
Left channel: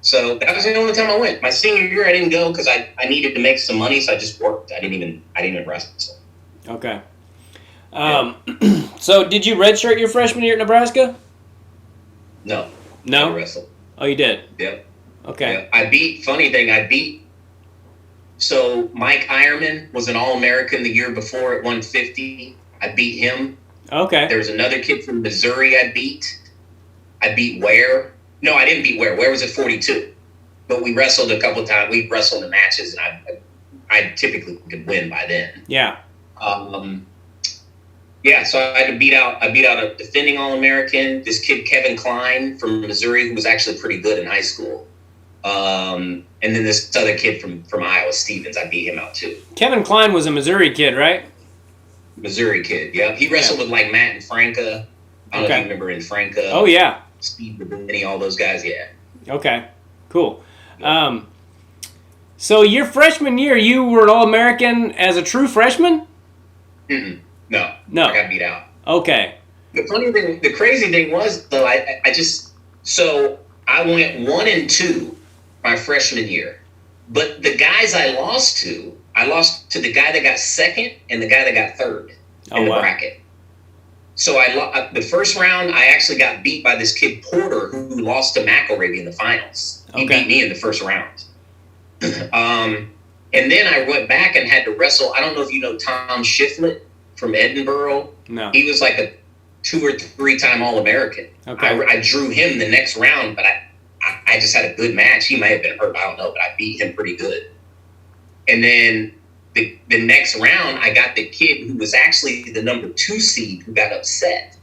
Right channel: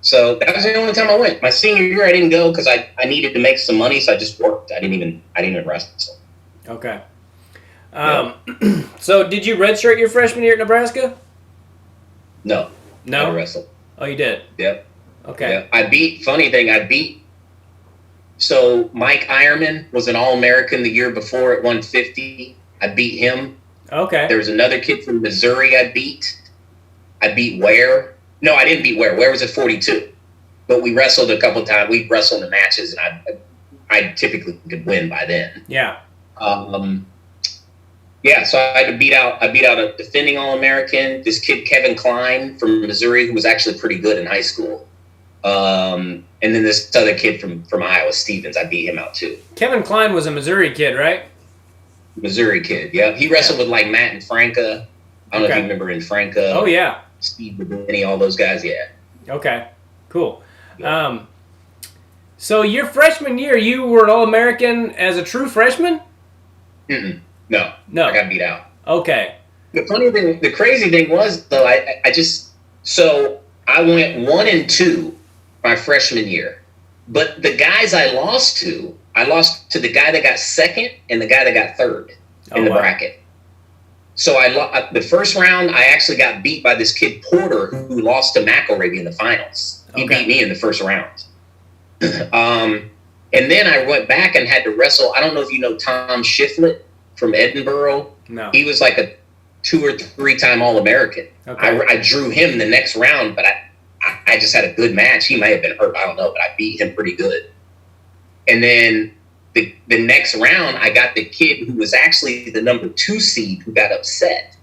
So that was the only time I went. My senior year, I didn't go because I needed to make some money, so I just worked. I didn't even wrestle. So. Okay. So did you redshirt your freshman year at Nebraska? No. No? I wrestled. Oh, you did? Yep. Okay. Yeah. So Mike Ironman was an All-American the year before at 150. I beat him. Okay. There was another kid from Missouri I beat. I beat Ware. No, I didn't beat Ware. Ware was at 42. But we wrestled a couple of times. We wrestled in matches, and I typically could win by then. Yeah. So I had to beat out a defending All-American, this kid Kevin Klein from Missouri, who was actually pretty good in high school. And then this other kid from Iowa, Stevens, I beat him out too. Kevin Klein was a Missouri kid, right? Missouri kid, yeah. He wrestled with like Matt and Franca. I don't know if you remember in Franca. Oh, yeah. Steve Benny, all those guys, yeah. Okay, cool. So your freshman year, you were an All-American as a true freshman? No. No. I got beat out. Okay. The crazy thing was, though, so I went 1-2 my freshman year. But the guys I lost to the guy that got second and the guy that got third in the bracket. So the first round, I actually got beat by this kid Porter who lost to McElravy in the finals. He beat me in the first round. And then I went back and had to wrestle. I don't know if you know Tom Shiflett from Edinburgh. No. He was like a 2 or 3-time All-American. Okay. I drew him the next round, but I just had a good match. He might have been hurt. I don't know, but I beat him pretty good. And then the next round, I got the kid who was actually the number 2 seed who got upset.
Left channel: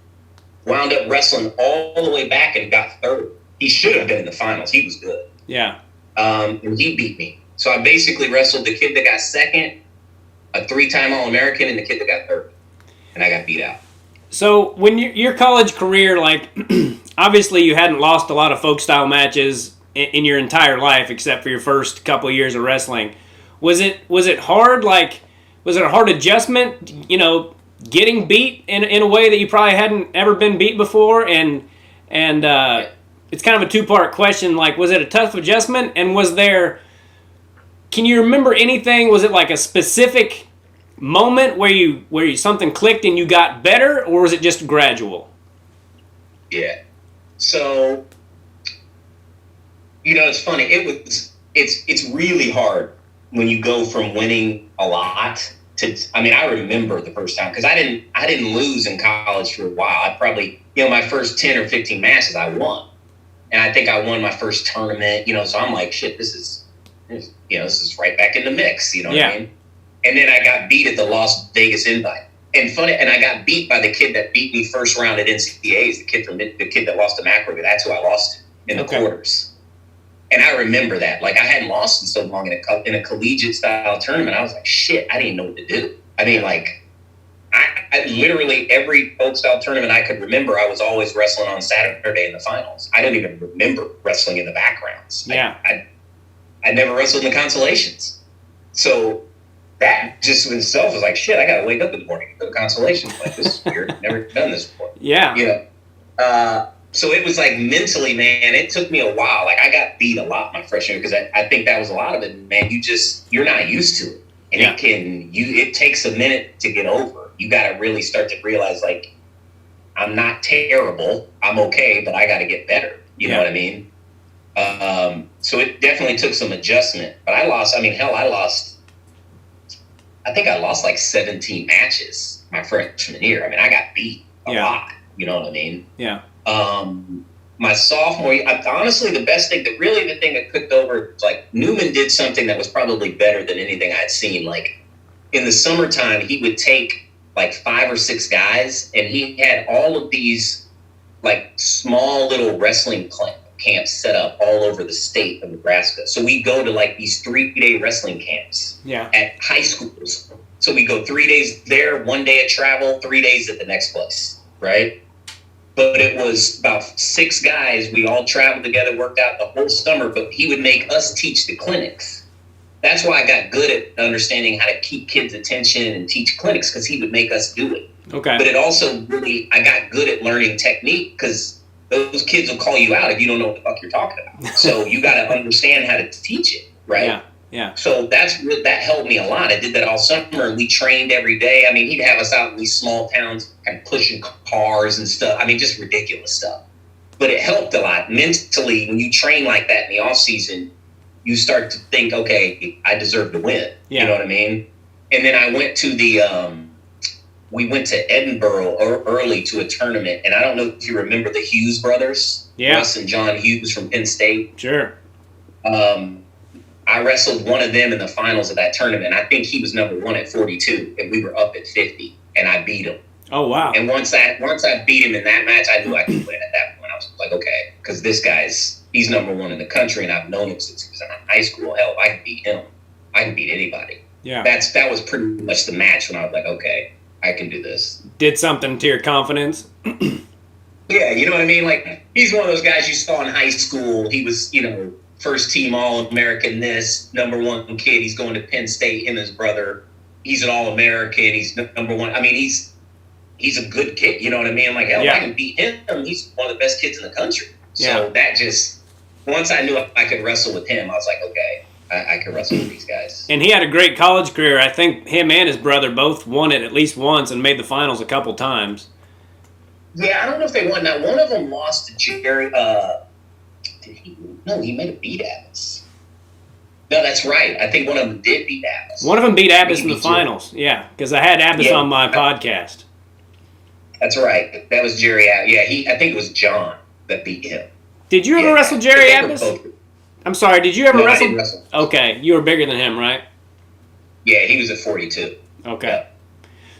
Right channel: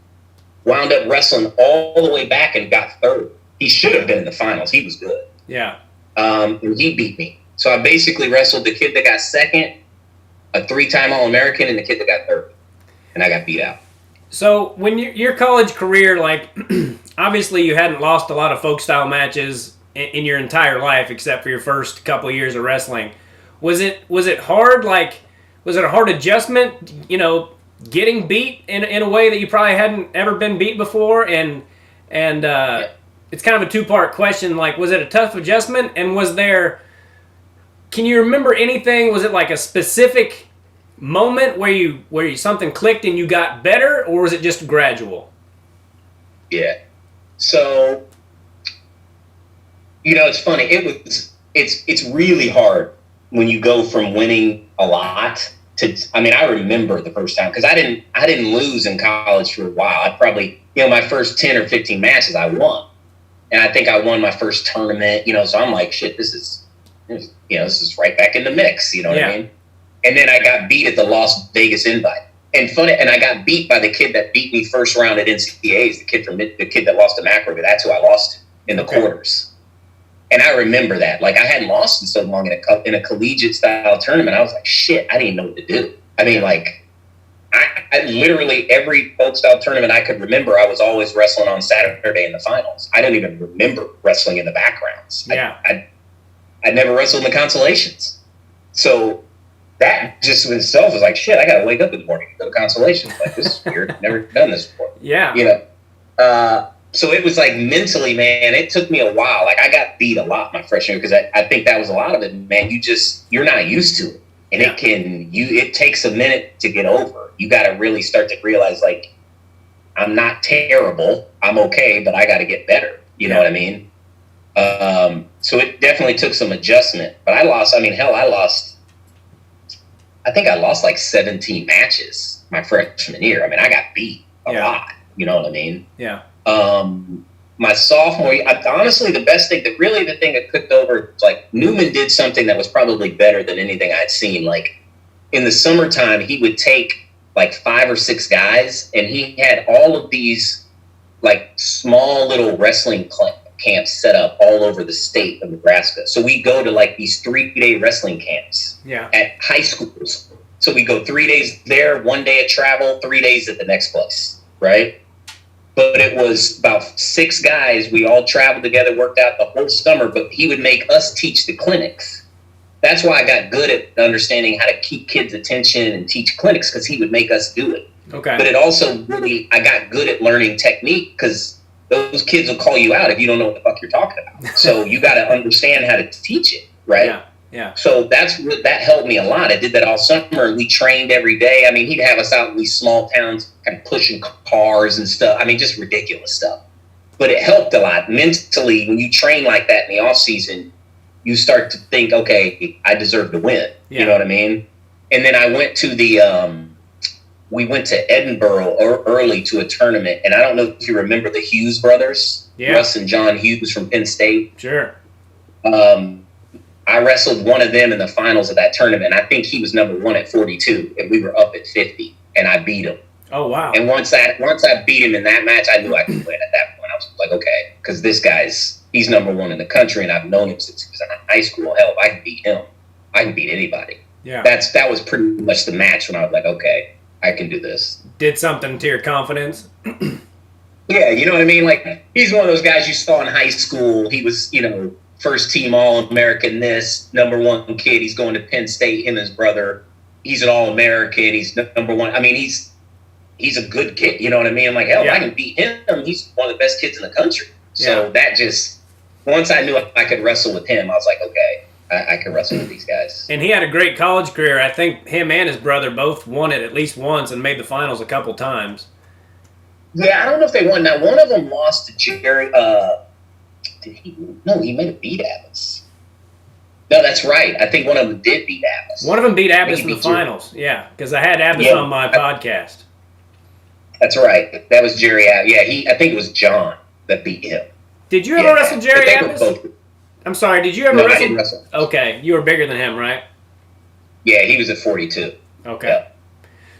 Wound up wrestling all the way back and got third. He should have been in the finals. He was good. Yeah. And he beat me. So I basically wrestled the kid that got second, a 3-time All-American, and the kid that got third. And I got beat out. So when your college career, like, obviously you hadn't lost a lot of folk style matches in your entire life except for your first couple of years of wrestling. Was it hard? Like, was it a hard adjustment? You know, getting beat in a way that you probably hadn't ever been beat before, and it's kind of a 2-part question. Like, was it a tough adjustment? And can you remember anything? Was it like a specific moment where you something clicked and you got better, or was it just gradual? Yeah. So, you know, it's funny. It's really hard when you go from winning a lot to. I mean, I remember the first time because I didn't lose in college for a while. I probably, my first 10 or 15 matches I won, and I think I won my first tournament. So I'm like, shit, this is right back in the mix. You know what I mean? And then I got beat at the Las Vegas Invite. And I got beat by the kid that beat me first round at NCAAs, the kid that lost to McElravy. That's who I lost to in the quarters. And I remember that. Like, I hadn't lost in so long in a collegiate style tournament. I was like, shit, I didn't know what to do. I mean, like, I literally every old style tournament I could remember, I was always wrestling on Saturday in the finals. I didn't even remember wrestling in the backgrounds. Yeah. I never wrestled in the consolations. So that just in itself was like, shit, I got to wake up in the morning and go to consolations. Like, this is weird. Never done this before. Yeah. You know? So it was like mentally, man, it took me a while. Like, I got beat a lot my freshman year because I think that was a lot of it, man. You're not used to it. And it takes a minute to get over. You got to really start to realize, like, I'm not terrible. I'm okay, but I got to get better. You know what I mean? So it definitely took some adjustment. But I think I lost like 17 matches my freshman year. I mean, I got beat a lot. You know what I mean? Yeah. My sophomore year, honestly, the thing that clicked over, like, Newman did something that was probably better than anything I'd seen. Like, in the summertime, he would take like 5 or 6 guys, and he had all of these like small little wrestling camps set up all over the state of Nebraska. So we go to like these 3-day wrestling camps at high schools. So we go 3 days there, 1 day of travel, 3 days at the next place, right? But it was about 6 guys. We all traveled together, worked out the whole summer, but he would make us teach the clinics. That's why I got good at understanding how to keep kids' attention and teach clinics, because he would make us do it. Okay. But it also I got good at learning technique, because those kids will call you out if you don't know what the fuck you're talking about. So you got to understand how to teach it, right? Yeah. Yeah. So that helped me a lot. I did that all summer, and we trained every day. I mean, he'd have us out in these small towns kind of pushing cars and stuff. I mean, just ridiculous stuff. But it helped a lot. Mentally, when you train like that in the off season, you start to think, okay, I deserve to win. Yeah. You know what I mean? And then I went to we went to Edinburgh early to a tournament. And I don't know if you remember the Hughes brothers. Yeah. Russ and John Hughes from Penn State. Sure. I wrestled one of them in the finals of that tournament. I think he was number 1 at 42, and we were up at 50, and I beat him. Oh, wow. And once I beat him in that match, I knew I could win at that point. I was like, okay, because this he's number 1 in the country, and I've known him since he was in high school. Hell, if I can beat him, I can beat anybody. Yeah. That was pretty much the match when I was like, okay, I can do this. Did something to your confidence? Yeah, you know what I mean? Like, he's one of those guys you saw in high school. He was, first team All-American number 1 kid. He's going to Penn State, him and his brother. He's an All-American. He's number 1. I mean, he's a good kid. You know what I mean? I'm like, hell, I can beat him. He's one of the best kids in the country. So that just, once I knew I could wrestle with him, I was like, okay, I can wrestle with these guys. And he had a great college career. I think him and his brother both won it at least once and made the finals a couple times. Yeah, I don't know if they won. Now, one of them lost to Jerry. No, he might have beat Abbas. No, that's right. I think one of them did beat Abbas. One of them beat Abbas in the finals. Yeah, because I had Abbas on my podcast. That's right. That was Jerry Abbas. Yeah, I think it was John that beat him. Did you ever wrestle Jerry Abbas? I'm sorry, did you ever wrestle? I didn't wrestle? Okay, you were bigger than him, right? Yeah, he was at 42. Okay. Yeah.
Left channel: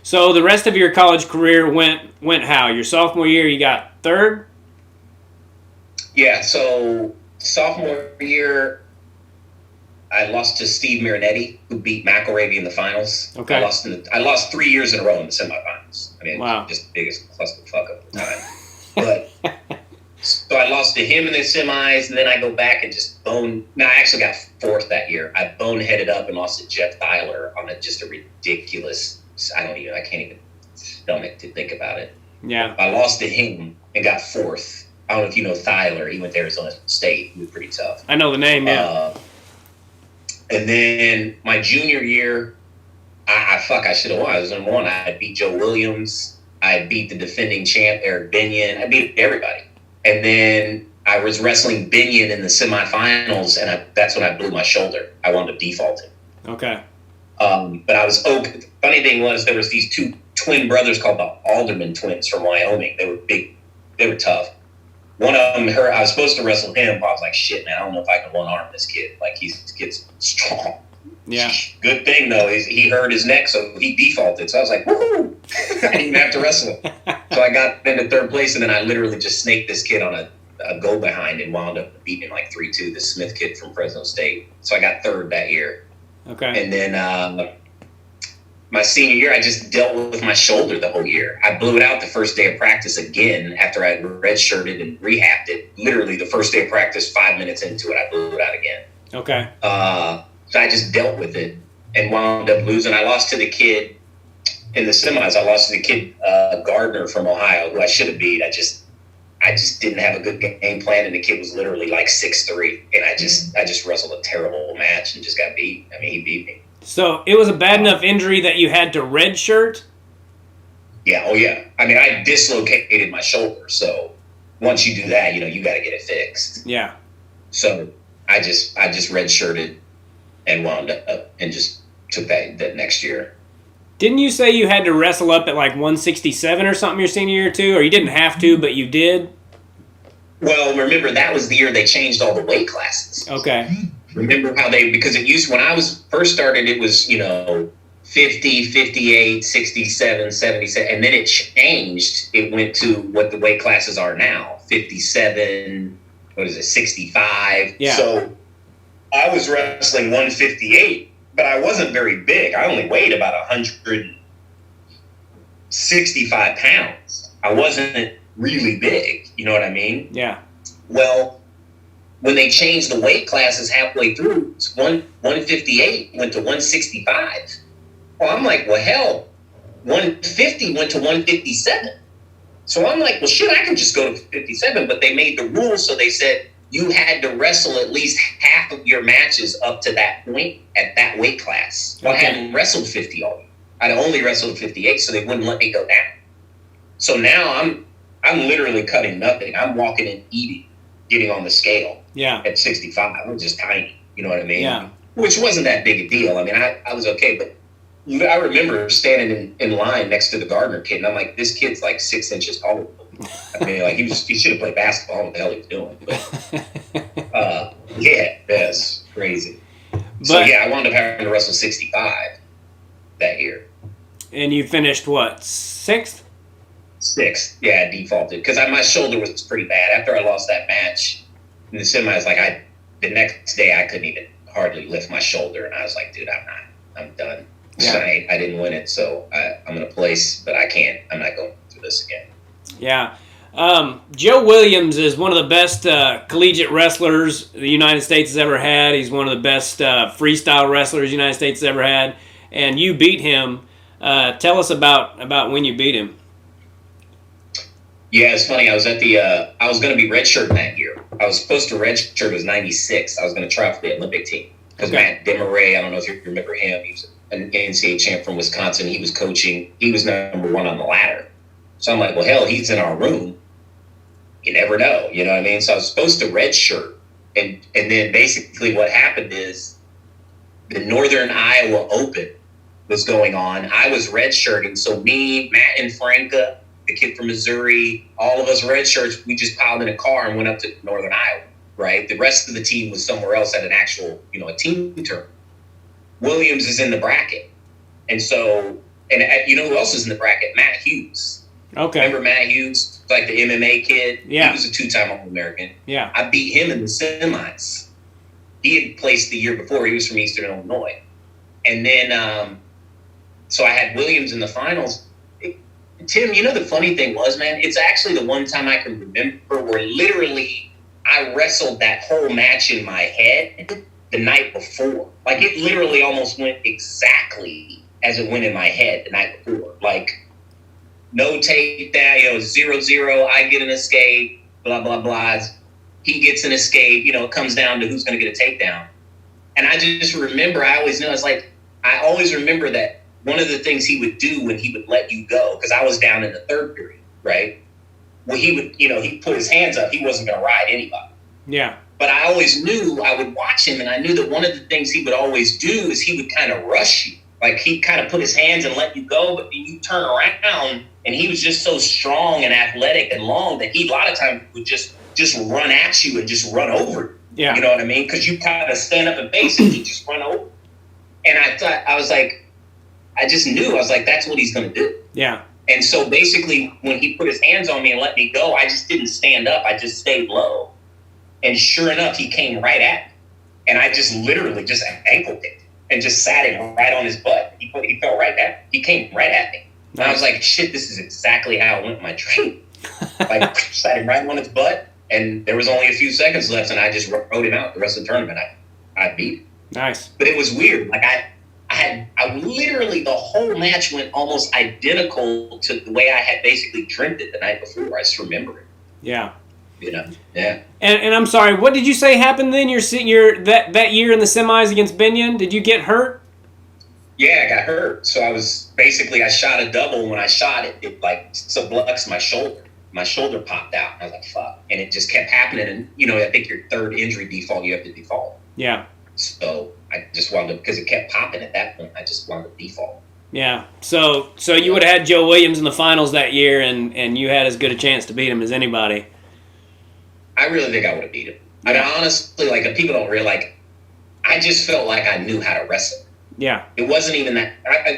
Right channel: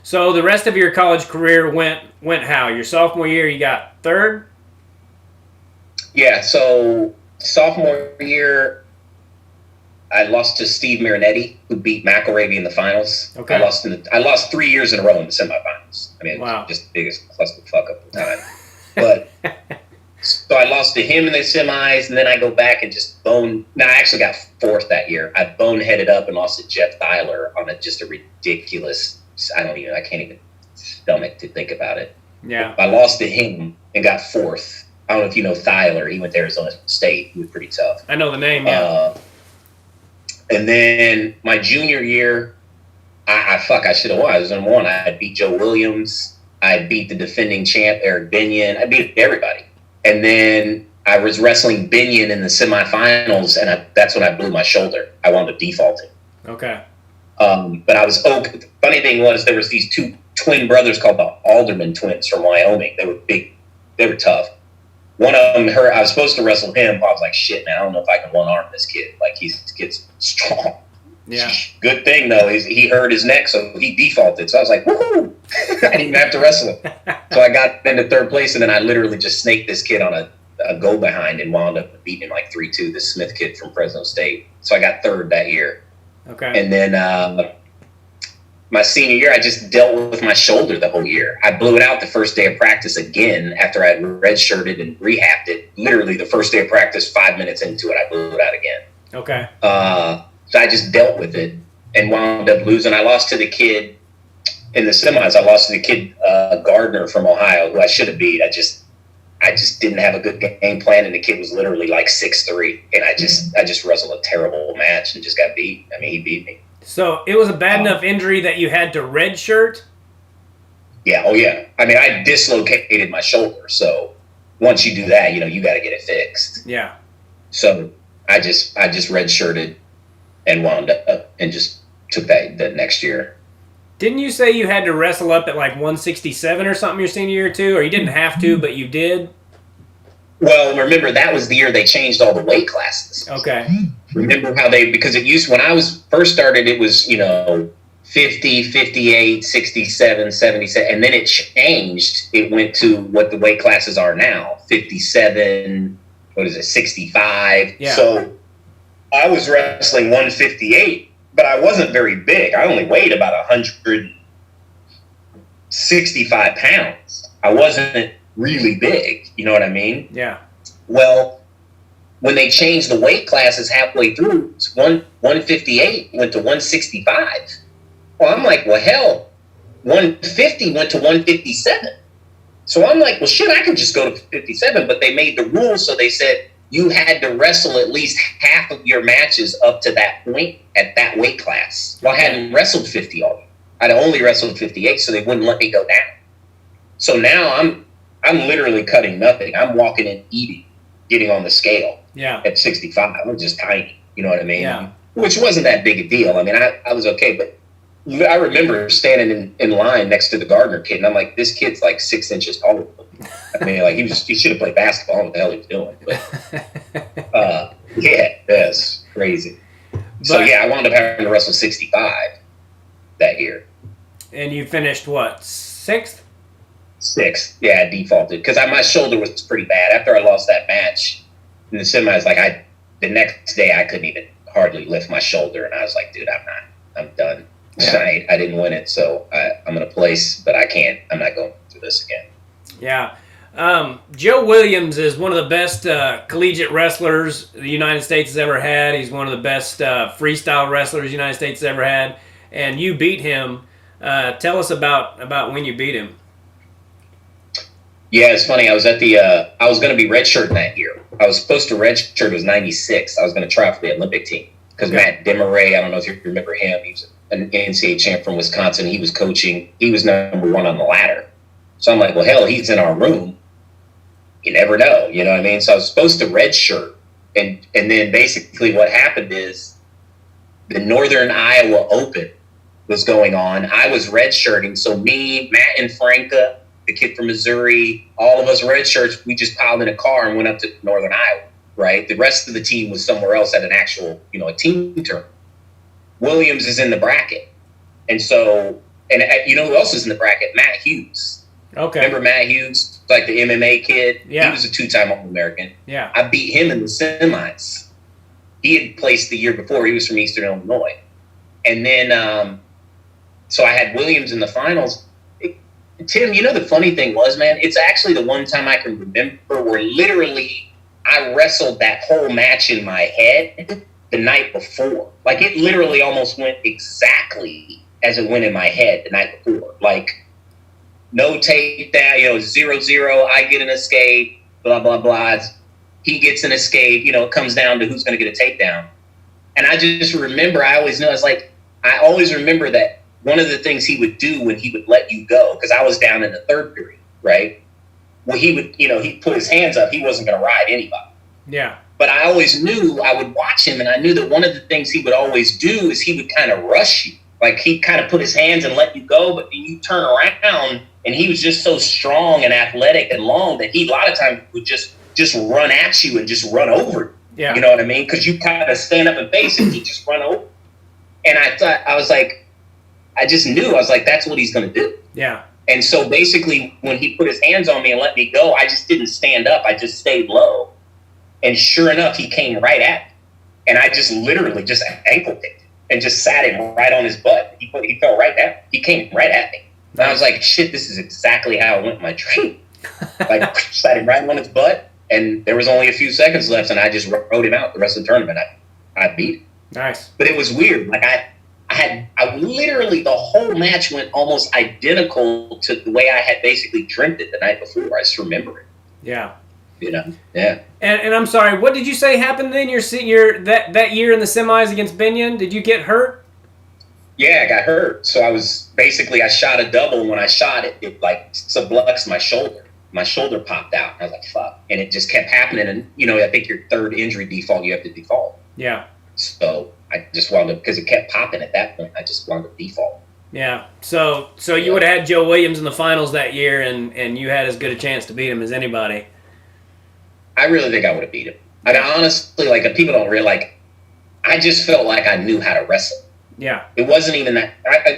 So the rest of your college career went how? Your sophomore year, you got 3rd? Yeah, so sophomore year, I lost to Steve Marinetti, who beat McElravy in the finals. Okay. I lost 3 years in a row in the semifinals. I mean, wow. Just the biggest clusterfuck of the time. But so I lost to him in the semis, and then I go back and just I actually got 4th that year. I boneheaded up and lost to Jeff Thyler on just a ridiculous. I can't even stomach to think about it. Yeah. I lost to him and got 4th. I don't know if you know Thyler. He went to Arizona State. He was pretty tough. I know the name, yeah. And then my junior year, I should have won. I was number 1. I beat Joe Williams. I beat the defending champ, Eric Binion. I beat everybody. And then I was wrestling Binion in the semifinals, and that's when I blew my shoulder. I wound up defaulting. Okay. But I was okay. Funny thing was, there was these 2 twin brothers called the Alderman twins from Wyoming. They were big. They were tough. One of them, I was supposed to wrestle him. I was like, shit, man, I don't know if I can one-arm this kid. Like, this kid's strong. Yeah. Good thing, though, he hurt his neck, so he defaulted. So I was like, woohoo! I didn't have to wrestle him. So I got into 3rd place, and then I literally just snaked this kid on a go-behind and wound up beating him like 3-2, this Smith kid from Fresno State. So I got 3rd that year. Okay. And then my senior year, I just dealt with my shoulder the whole year. I blew it out the first day of practice again after I redshirted and rehabbed it. Literally the first day of practice, 5 minutes into it, I blew it out again. Okay. So I just dealt with it and wound up losing. I lost to the kid in the semis. I lost to the kid Gardner from Ohio, who I should have beat. I just didn't have a good game plan, and the kid was literally like 6'3", and I just wrestled a terrible match and just got beat. I mean, he beat me. So it was a bad enough injury that you had to redshirt? Yeah. Oh yeah. I mean, I dislocated my shoulder, so once you do that, you got to get it fixed. Yeah. So I just redshirted and wound up and just took that the next year. Didn't you say you had to wrestle up at like 167 or something your senior year too? Or you didn't have to, but you did? Well, remember, that was the year they changed all the weight classes. Okay. Remember how because it used, when I was first started, it was, 50, 58, 67, 77, and then it changed. It went to what the weight classes are now, 57, 65. Yeah. So I was wrestling 158. But I wasn't very big. I only weighed about 165 pounds. I wasn't really big. You know what I mean? Yeah. Well, when they changed the weight classes halfway through, 158 went to 165. Well, I'm like, well, hell, 150 went to 157. So I'm like, well, shit, I can just go to 57. But they made the rules, so they said, you had to wrestle at least half of your matches up to that point at that weight class. Well, Okay. I hadn't wrestled 50 all year. I'd only wrestled 58, so they wouldn't let me go down. So now I'm literally cutting nothing. I'm walking and eating, getting on the scale. Yeah. At 65. I was just tiny. You know what I mean? Yeah. Which wasn't that big a deal. I mean, I was okay, but I remember standing in line next to the Gardner kid, and I'm like, this kid's like 6 inches taller. I mean, like, he should have played basketball. What the hell he was doing? But, yeah, that's crazy. So, yeah, I wound up having to wrestle 65 that year. And you finished, what, 6th? 6th. Yeah, I defaulted. Because my shoulder was pretty bad. After I lost that match in the semis, like, the next day I couldn't even hardly lift my shoulder. And I was like, dude, I'm done. Yeah. I didn't win it, so I'm going to place, but I can't. I'm not going through this again. Yeah. Joe Williams is one of the best collegiate wrestlers the United States has ever had. He's one of the best freestyle wrestlers the United States has ever had. And you beat him. Tell us about when you beat him. Yeah, it's funny. I was at I was going to be redshirting that year. I was supposed to redshirt. It was 96. I was going to try for the Olympic team. Because Matt Temoer, I don't know if you remember him. He was an NCAA champ from Wisconsin. He was coaching. He was number 1 on the ladder. So I'm like, well, hell, he's in our room. You never know. You know what I mean? So I was supposed to redshirt. And then basically what happened is the Northern Iowa Open was going on. I was redshirting. So me, Matt and Franca, the kid from Missouri, all of us redshirts, we just piled in a car and went up to Northern Iowa, right? The rest of the team was somewhere else at an actual, a team tournament. Williams is in the bracket. And so, and you know who else is in the bracket? Matt Hughes. Okay. Remember Matt Hughes, like the MMA kid? Yeah. He was a 2-time All-American. Yeah. I beat him in the semis. He had placed the year before. He was from Eastern Illinois. And then, so I had Williams in the finals. Tim, the funny thing was, man, it's actually the one time I can remember where literally I wrestled that whole match in my head the night before. Like, it literally almost went exactly as it went in my head the night before. Like, no takedown, 0-0, I get an escape, blah, blah, blah. He gets an escape, it comes down to who's going to get a takedown. And I just remember, I always remember that one of the things he would do when he would let you go, because I was down in the 3rd period, right? Well, he would, he'd put his hands up. He wasn't going to ride anybody. Yeah. But I always knew, I would watch him, and I knew that one of the things he would always do is he would kind of rush you. Like, he'd kind of put his hands and let you go, but you turn around, and he was just so strong and athletic and long that he, a lot of times, would just run at you and just run over you. Yeah. You know what I mean? Because you kind of stand up and face him, he just run over. And I just knew, I was like, that's what he's going to do. Yeah. And so basically, when he put his hands on me and let me go, I just didn't stand up. I just stayed low. And sure enough, he came right at me. And I just literally just ankle kicked him. and just sat him right on his butt. He fell right down. He came right at me. And I was like, shit, this is exactly how it went in my dream. Like, sat him right on his butt, and there was only a few seconds left, and I just rode him out the rest of the tournament. I beat him. Nice. But it was weird. Like, I literally, the whole match went almost identical to the way I had basically dreamt it the night before. I just remember it. Yeah. You know? Yeah. And I'm sorry, what did you say happened then? That year in the semis against Binion? Did you get hurt? Yeah, I got hurt. So I shot a double. When I shot it, it like subluxed my shoulder. My shoulder popped out. I was like, fuck. And it just kept happening. And, you know, I think your third injury default, you have to default. Yeah. So I just wound up, because it kept popping at that point, I just wound up default. Yeah. So you would have had Joe Williams in the finals that year, and you had as good a chance to beat him as anybody. I really think I would have beat him. I mean, honestly, like, people don't realize, I just felt like I knew how to wrestle. Yeah. It wasn't even that,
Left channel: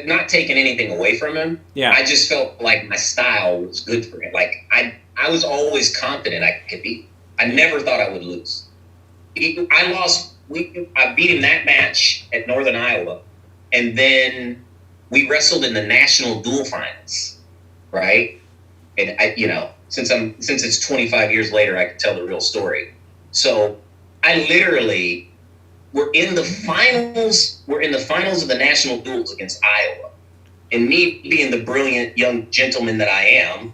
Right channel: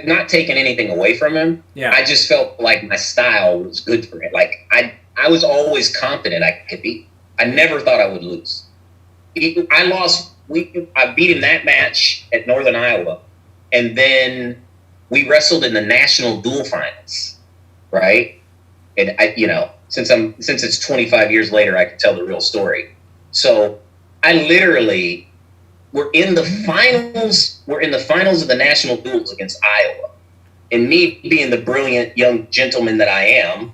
not taking anything away from him. Yeah. I just felt like my style was good for him. Like, I was always confident I could beat him. I never thought I would lose. I beat him that match at Northern Iowa, and then we wrestled in the national dual finals, right? And since it's 25 years later, I can tell the real story. So I literally, we're in the finals of the national duels against Iowa, and me being the brilliant young gentleman that I am,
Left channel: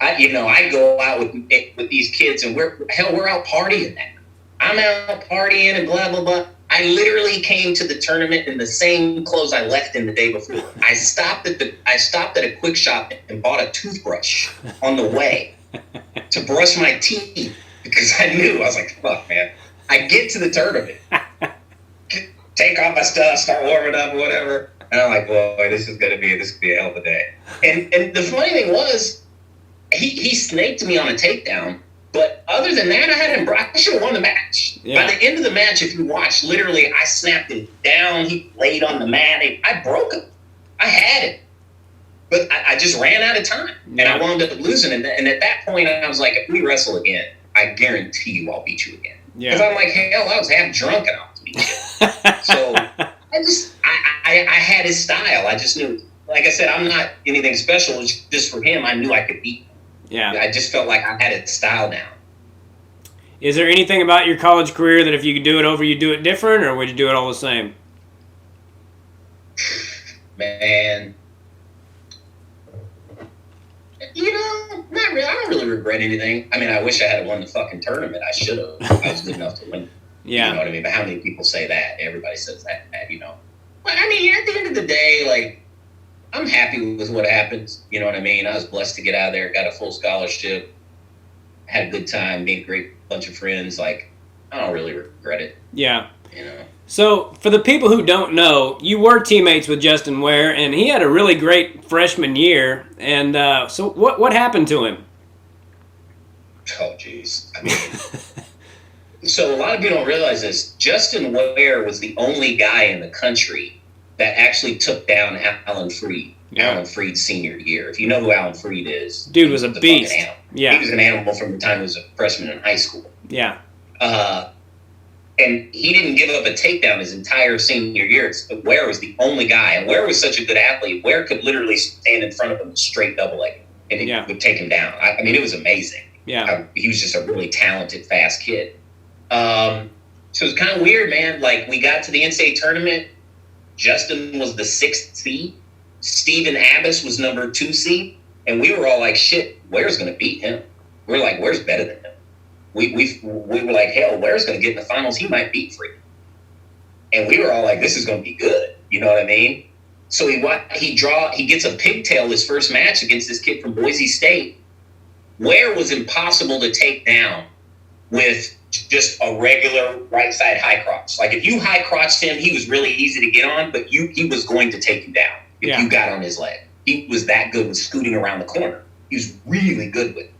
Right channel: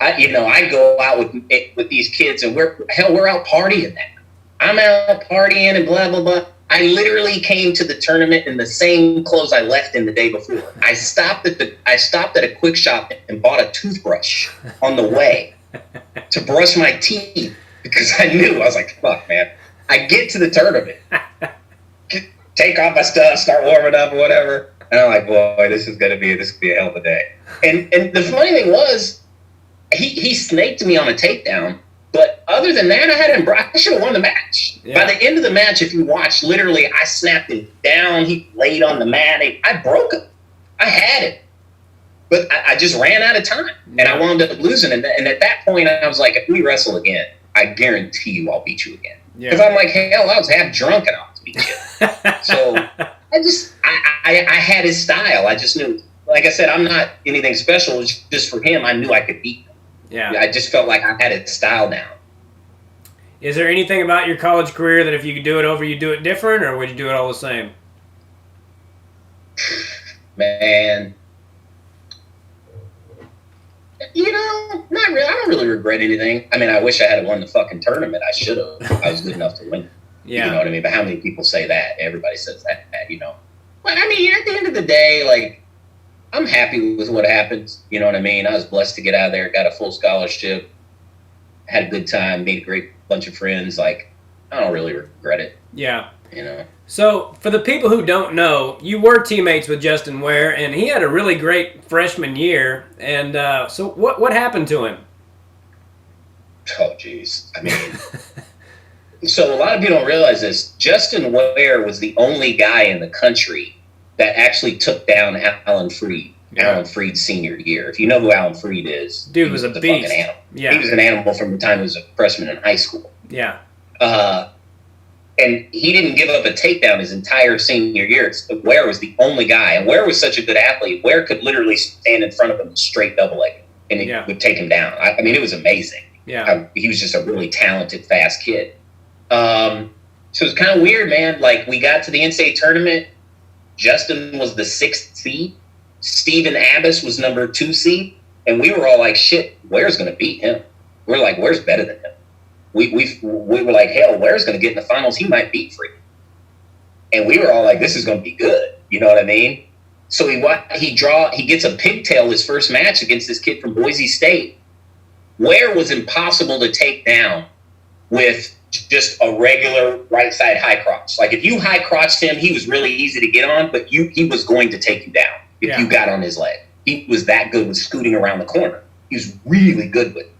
I go out with these kids, and we're out partying now. I'm out partying and blah, blah, blah. I literally came to the tournament in the same clothes I left in the day before. I stopped at a quick shop and bought a toothbrush on the way to brush my teeth, because I knew, I was like, fuck, man. I get to the tournament, take off my stuff, start warming up, whatever. And I'm like, boy, this could be a hell of a day. And the funny thing was, he snaked me on a takedown. But other than that, I should have won the match. Yeah. By the end of the match, if you watch, literally, I snapped it down. He laid on the mat. I broke him. I had it. But I just ran out of time. Yeah. And I wound up losing. And at that point, I was like, if we wrestle again, I guarantee you I'll beat you again. Because I'm like, hell, I was half drunk and I was beating you. So I had his style. I just knew, like I said, I'm not anything special. It's just for him, I knew I could beat him. Yeah. I just felt like I had its style down. Is there anything about your college career that if you could do it over, you'd do it different, or would you do it all the same? Man. Not really. I don't really regret anything. I mean, I wish I had won the fucking tournament. I should have. I was good enough to win. Yeah. You know what I mean? But how many people say that? Everybody says that, But, I mean, at the end of the day, like, I'm happy with what happens. You know what I mean? I was blessed to get out of there, got a full scholarship, had a good time, made a great bunch of friends. Like, I don't really regret it. Yeah. So, for the people who don't know, you were teammates with Justin Ware, and he had a really great freshman year. And so what happened to him? Oh, jeez. I mean, so a lot of people don't realize this. Justin Ware was the only guy in the country that actually took down Alan Freed. Yeah. Alan Freed's senior year. If you know who Alan Freed is. Dude was a beast. Yeah. He was an animal from the time he was a freshman in high school. Yeah. And he didn't give up a takedown his entire senior year. Ware was the only guy. And Ware was such a good athlete. Ware could literally stand in front of him straight double leg, and he would take him down. I mean, it was amazing. Yeah. He was just a really talented, fast kid. So it was kind of weird, man. Like, we got to the NCAA tournament. Justin was the 6th seed. Steven Abbas was number 2 seed. And we were all like, shit, Ware's going to beat him. We're like, Ware's better than him. We were like, hell, Ware's going to get in the finals. He might beat Freed. And we were all like, this is going to be good. You know what I mean? So he gets a pigtail his first match against this kid from Boise State. Ware was impossible to take down with just a regular right side high crotch. Like, if you high crotched him, he was really easy to get on, but he was going to take you down if you got on his leg. He was that good with scooting around the corner. He was really good with it.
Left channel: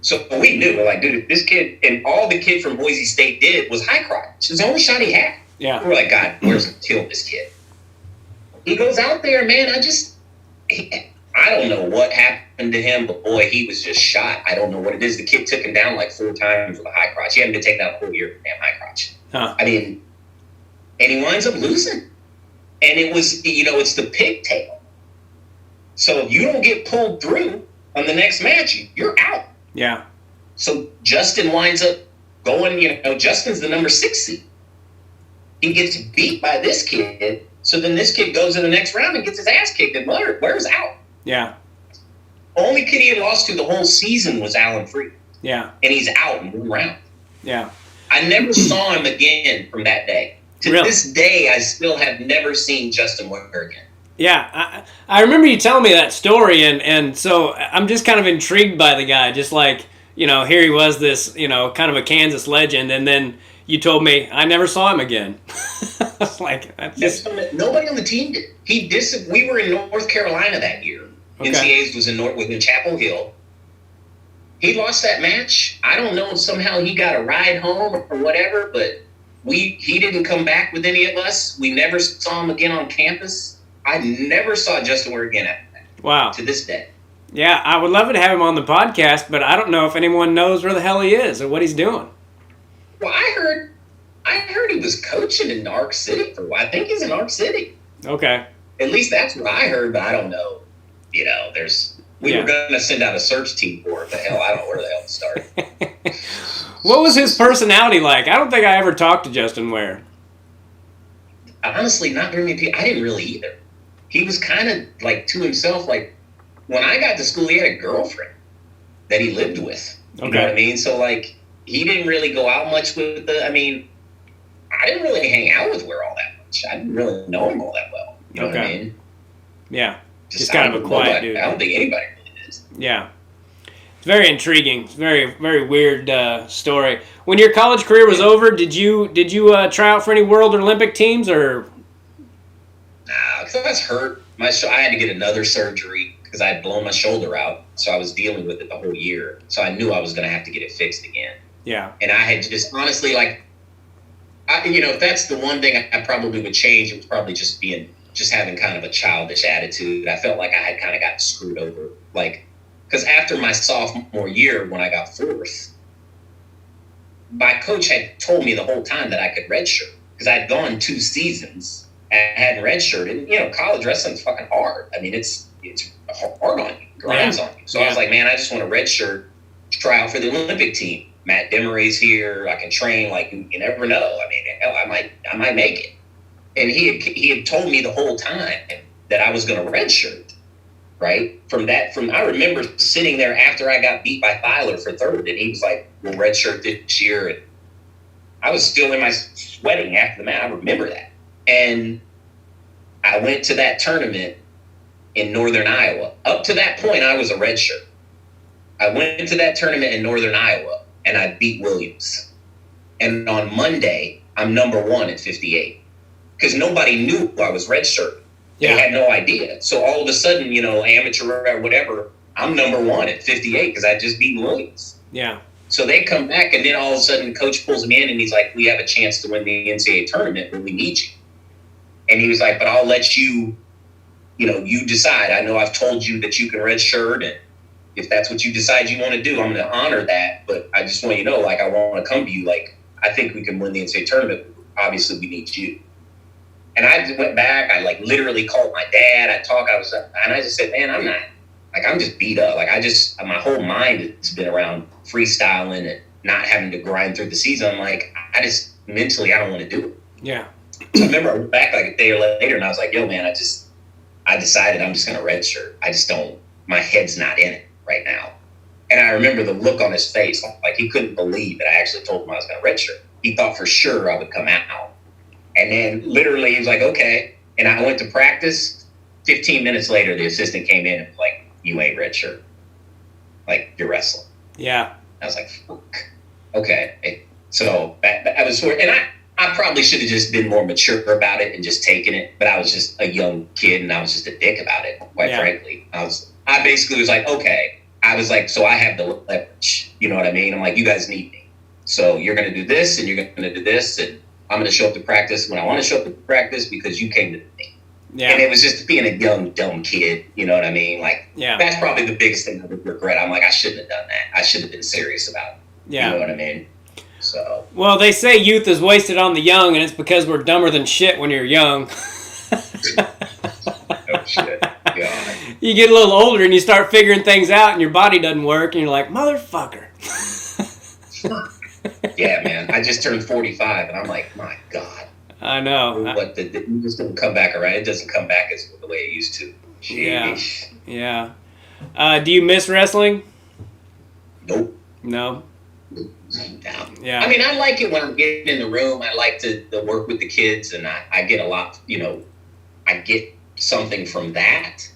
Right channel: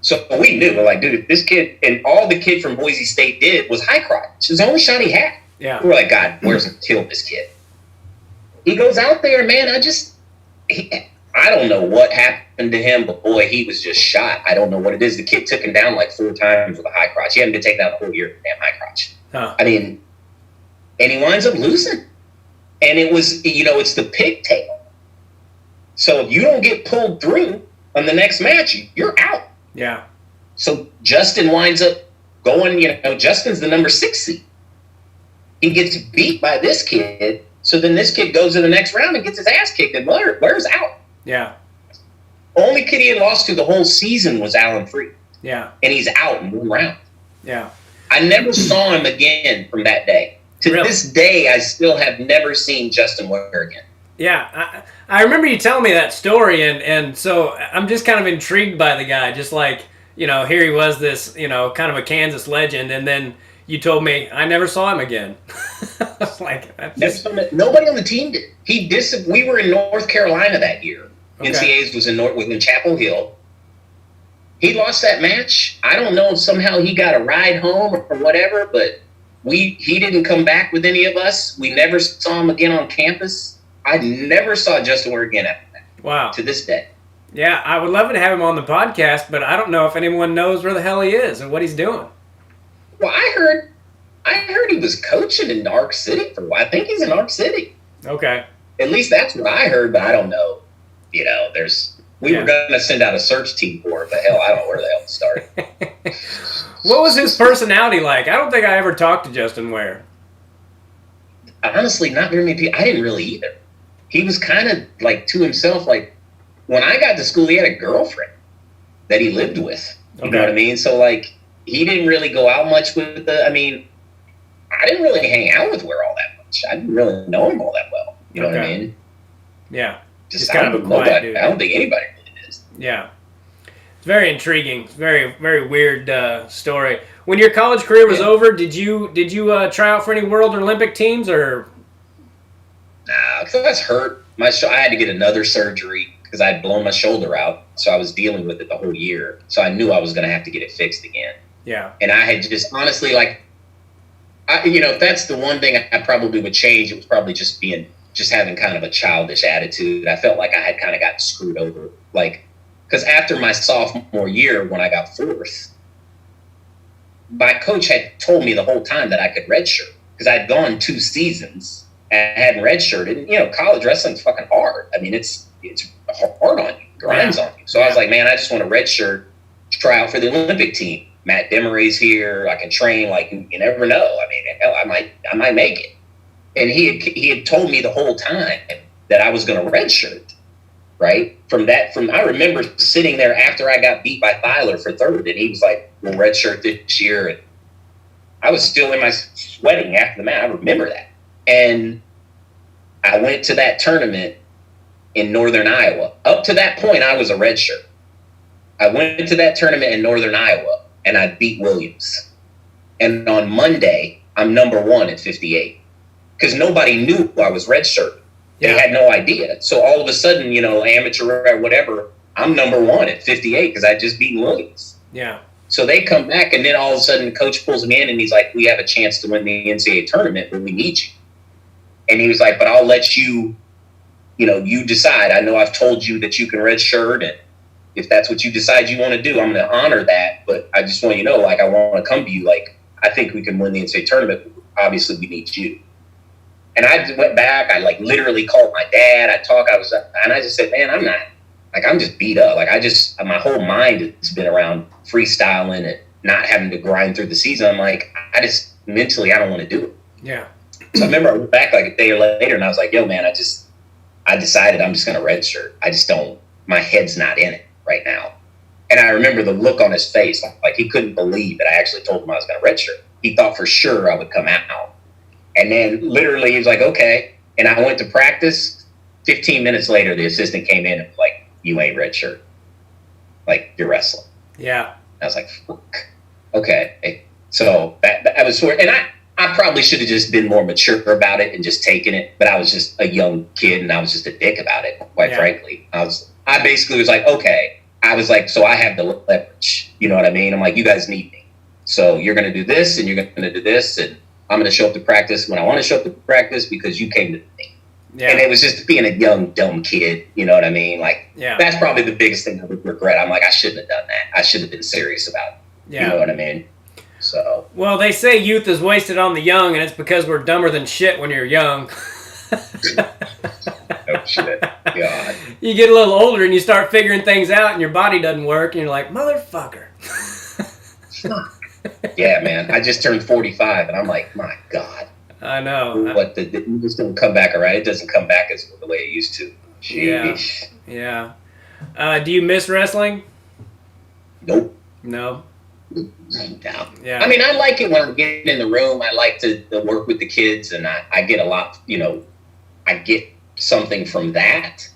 So we knew, we're like, dude, this kid, and all the kid from Boise State did was high crotch. It was the only shot he had. Yeah. We were like, God, where's he killed this kid? He goes out there, man. I don't know what happened to him, but boy, he was just shot. I don't know what it is. The kid took him down like 4 times with a high crotch. He hadn't been taken down the whole year with a damn high crotch. Huh. I mean, and he winds up losing. And it was, it's the pigtail. So if you don't get pulled through on the next match, you're out. Yeah. So Justin winds up going, Justin's the number 6 seed. He gets beat by this kid. So then this kid goes to the next round and gets his ass kicked, and Ware's out. Yeah. Only kid he had lost to the whole season was Alan Freed. Yeah. And he's out in one round. Yeah. I never saw him again from that day. To this day, I still have never seen Justin Ware again. Yeah, I remember you telling me that story, and so I'm just kind of intrigued by the guy. Just like, here he was, this, kind of a Kansas legend, and then you told me I never saw him again. I was like, that's just... Nobody on the team did. We were in North Carolina that year. Okay. NCAAs was in Chapel Hill. He lost that match. I don't know if somehow he got a ride home or whatever, but he didn't come back with any of us. We never saw him again on campus. I never saw Justin Ware again after that. Wow. To this day. Yeah, I would love to have him on the podcast, but I don't know if anyone knows where the hell he is or what he's doing. Well, I heard he was coaching in Ark City for a while. I think he's in Ark City. Okay. At least that's what I heard, but I don't know. We were going to send out a search team for it, but hell, I don't know where the hell to start. What was his personality like? I don't think I ever talked to Justin Ware. Honestly, not very many people. I didn't really either. He was kind of like to himself. Like when I got to school, he had a girlfriend that he lived with. You know what I mean? So like he didn't really go out much with I didn't really hang out with Ware all that much. I didn't really know him all that well. You know what I mean? Yeah. Just kind of a quiet dude. I don't think anybody really is. Yeah. It's very intriguing. It's very, very weird story. When your college career was over, did you try out for any World or Olympic teams or? Nah, because I was hurt. I had to get another surgery because I had blown my shoulder out. So I was dealing with it the whole year. So I knew I was going to have to get it fixed again. Yeah. And I had just honestly, if that's the one thing I probably would change, it was probably just having kind of a childish attitude. I felt like I had kind of got screwed over. Because after my sophomore year, when I got fourth, my coach had told me the whole time that I could redshirt because I'd gone 2 seasons and hadn't redshirted. And, college wrestling's fucking hard. I mean, it's hard on you, grinds on you. So I was like, man, I just want to redshirt, try out for the Olympic team. Matt Demery's here. I can train. Like, you never know. I mean, hell, I might make it. And he had told me the whole time that I was going to redshirt. Right? I remember sitting there after I got beat by Filer for third, and he was like, "We'll redshirt this year." And I was still in my sweating after the match. I remember that. And I went to that tournament in Northern Iowa. Up to that point, I was a redshirt. I went to that tournament in Northern Iowa, and I beat Williams. And on Monday, I'm number 1 at 58 because nobody knew I was redshirt. They had no idea. So all of a sudden, amateur or whatever, I'm number 1 at 58 because I just beat Williams. Yeah. So they come back, and then all of a sudden, coach pulls me in, and he's like, "We have a chance to win the NCAA tournament when we need you." And he was like, "But I'll let you, you decide. I know I've told you that you can redshirt, and if that's what you decide you want to do, I'm going to honor that. But I just want you to know, I want to come to you. I think we can win the NCAA tournament. Obviously, we need you." And I went back. I literally called my dad. And I just said, "Man, I'm not. I'm just beat up. My whole mind has been around freestyling and not having to grind through the season. I'm like, I just mentally, I don't want to do it." Yeah. So I remember I went back a day later, and I was like, "Yo, man, I decided I'm just going to redshirt. I just don't. My head's not in it right now." And I remember the look on his face, he couldn't believe that I actually told him I was going to redshirt. He thought for sure I would come out. And then literally he was like, "Okay." And I went to practice. 15 minutes later, the assistant came in and was like, "You ain't redshirt. You're wrestling." Yeah. I was like, "Fuck." Okay. So that was sort. And I probably should have just been more mature about it and just taken it. But I was just a young kid, and I was just a dick about it, quite frankly. I basically was like, okay. I was like, so I have the leverage. You know what I mean? I'm like, you guys need me. So you're going to do this, and you're going to do this, and I'm going to show up to practice when I want to show up to practice because you came to me. Yeah. And it was just being a young, dumb kid. You know what I mean? That's probably the biggest thing I would regret. I'm like, I shouldn't have done that. I should have been serious about it. Yeah. You know what I mean? So. Well, they say youth is wasted on the young, and it's because we're dumber than shit when you're young. Oh, shit. God. You get a little older and you start figuring things out and your body doesn't work and you're like, motherfucker. Yeah, man. I just turned 45 and I'm like, my God. I know. Like you just don't come back around. It doesn't come back as the way it used to. Sheesh. Yeah. Do you miss wrestling? Nope. No. No. Yeah. I mean, I like it when I'm getting in the room. I like to work with the kids, and I get a lot, I get something from that.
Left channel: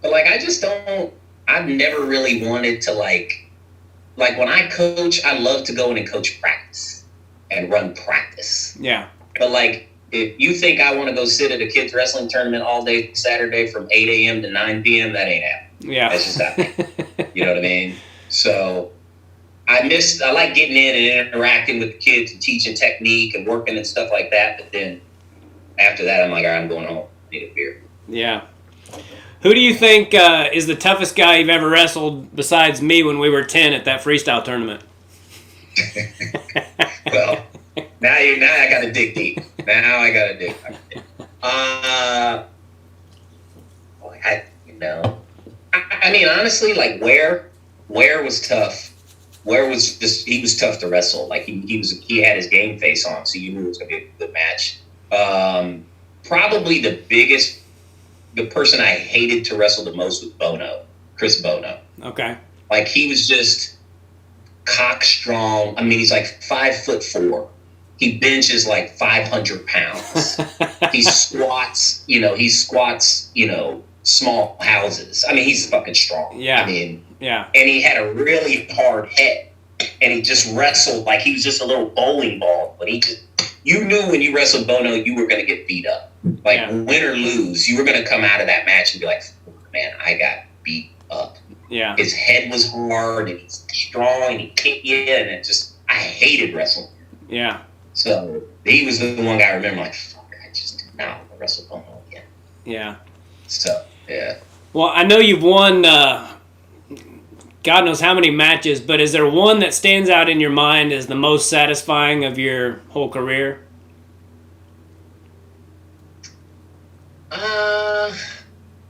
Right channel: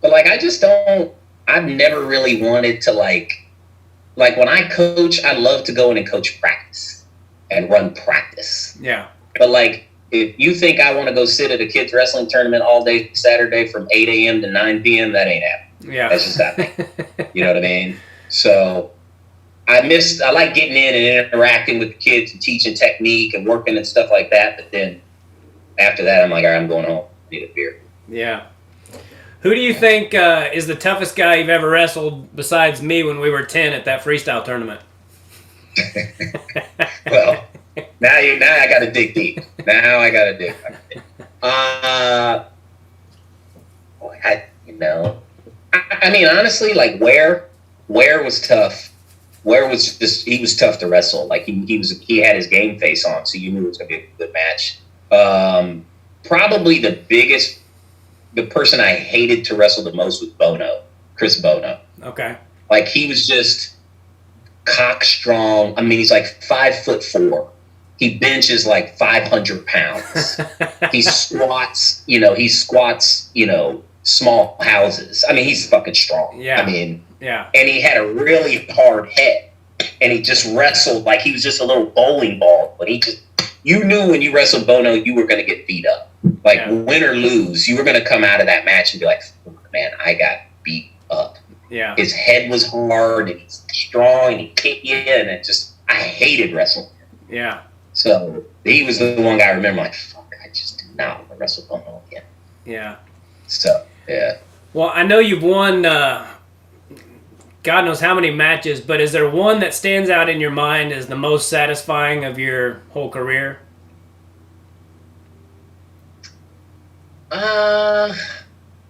But, like, I've never really wanted to, like when I coach, I love to go in and coach practice and run practice. Yeah. But, like, if you think I want to go sit at a kids wrestling tournament all day Saturday from 8 a.m. to 9 p.m., that ain't happening. Yeah. That's just happening. You know what I mean? So I like getting in and interacting with the kids and teaching technique and working and stuff like that. But then after that, I'm like, all right, I'm going home. Need a beer. Yeah. Who do you think is the toughest guy you've ever wrestled besides me when we were 10 at that freestyle tournament? Well, now I got to dig deep. I mean, honestly, like Ware was tough. Ware was he was tough to wrestle. Like he had his game face on, so you knew it was going to be a good match. Probably the person I hated to wrestle the most was Chris Bono. Okay. Like he was just cock strong. I mean, he's like 5'4". He benches like 500 pounds. He squats, small houses. I mean, he's fucking strong. Yeah. I mean, yeah. And he had a really hard head. And he just wrestled like he was just a little bowling ball. But you knew when you wrestled Bono, you were going to get beat up. Like, win or lose, you were going to come out of that match and be like, man, I got beat up. Yeah. His head was hard and he's strong and he kicked you in. And I hated wrestling. Yeah. So he was the one guy I remember, like, fuck, I just did not want to wrestle Bono again. Yeah. So, yeah. Well, I know you've won God knows how many matches, but is there one that stands out in your mind as the most satisfying of your whole career?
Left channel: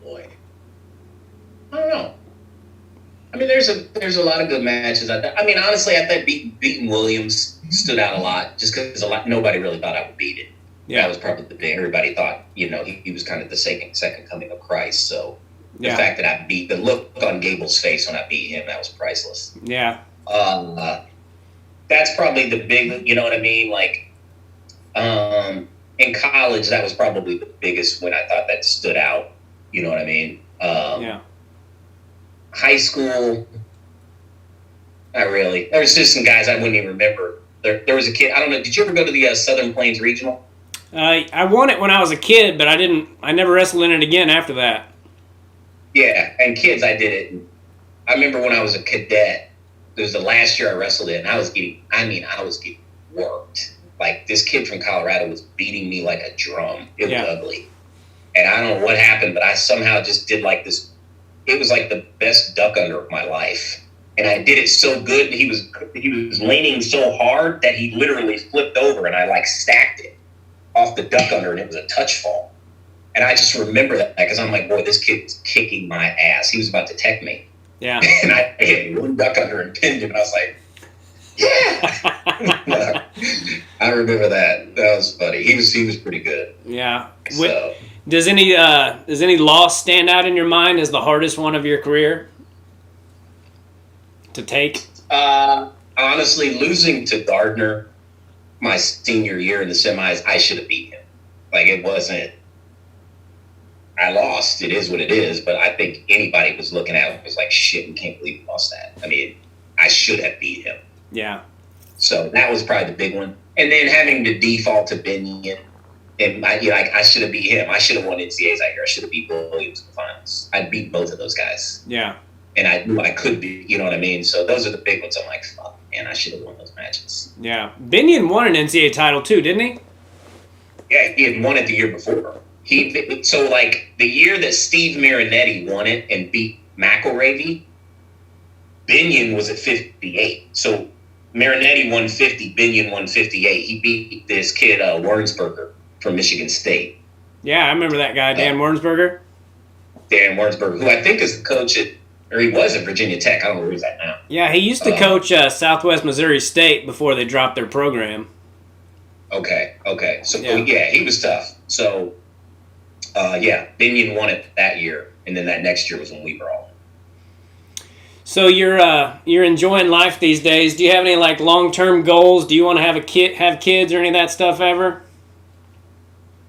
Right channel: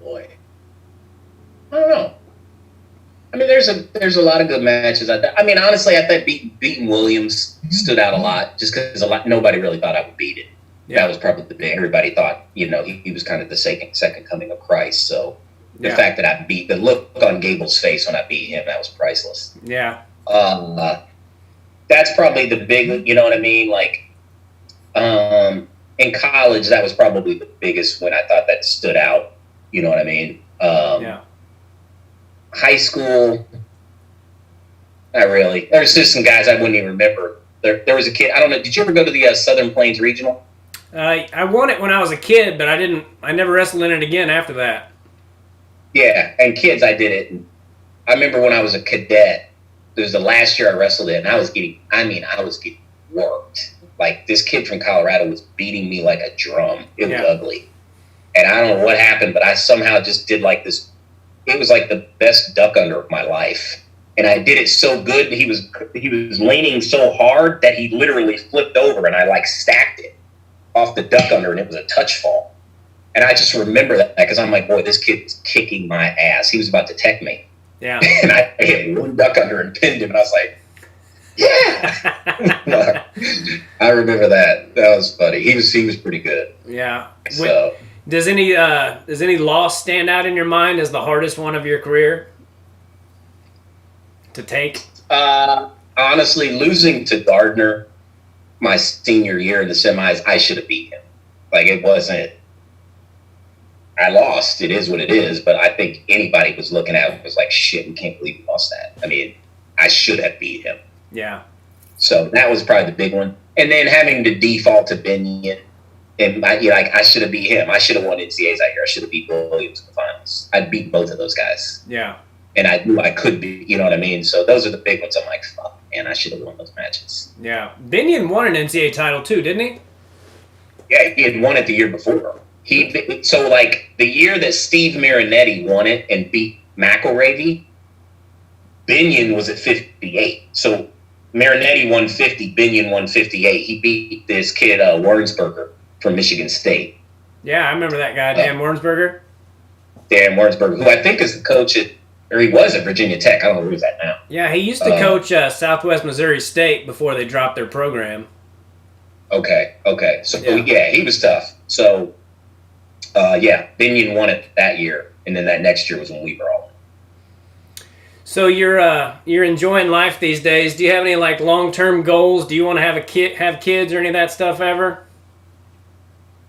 Boy. I don't know. I mean, there's a lot of good matches. I mean, honestly, I think beating Williams stood out a lot just because nobody really thought I would beat it. Yeah. That was probably the big. Everybody thought, he was kind of the second coming of Christ. So the fact that the look on Gable's face when I beat him, that was priceless. Yeah. That's probably the big, you know what I mean? Like, in college, that was probably the biggest when I thought that stood out. You know what I mean? Yeah. High school, not really. There's just some guys I wouldn't even remember. There was a kid, I don't know, did you ever go to the Southern Plains Regional? I won it when I was a kid, but I never wrestled in it again after that. Yeah, and kids, I did it. I remember when I was a cadet, it was the last year I wrestled it, and I was getting worked. Like, this kid from Colorado was beating me like a drum. It was ugly. And I don't know what happened, but I somehow just did like this. It was like the best duck under of my life. And I did it so good that he was leaning so hard that he literally flipped over, and I like stacked it off the duck under, and it was a touch fall. And I just remember that because I'm like, boy, this kid's kicking my ass. He was about to tech me. Yeah. And I hit one duck under and pinned him, and I was like, yeah. I remember that. That was funny. He was pretty good. Yeah. So, does any loss stand out in your mind as the hardest one of your career to take? Honestly, losing to Gardner my senior year in the semis, I should have beat him. Like, it wasn't. I lost. It is what it is. But I think anybody was looking at it was like, shit, we can't believe we lost that. I mean, I should have beat him. Yeah. So that was probably the big one. And then having to default to Binion, and I should have beat him. I should have won NCAAs out here. I should have beat Williams in the finals. I'd beat both of those guys. Yeah. And I knew I could be, you know what I mean? So those are the big ones. I'm like, fuck, man, I should have won those matches. Yeah. Binion won an NCAA title too, didn't he? Yeah, he had won it the year before. So like the year that Steve Marinetti won it and beat McElravy, Binion was at 58. So Marinetti won 50, Binion won 58. He beat this kid, Wernsberger from Michigan State. Yeah, I remember that guy, Dan Wernsberger. Dan Warrensburg, who I think is the coach or he was at Virginia Tech. I don't know where he's at now. Yeah, he used to coach Southwest Missouri State before they dropped their program. Okay. So, yeah, he was tough. So, Binion won it that year, and then that next year was when we were all. So you're enjoying life these days. Do you have any like long-term goals? Do you want to have kids or any of that stuff ever?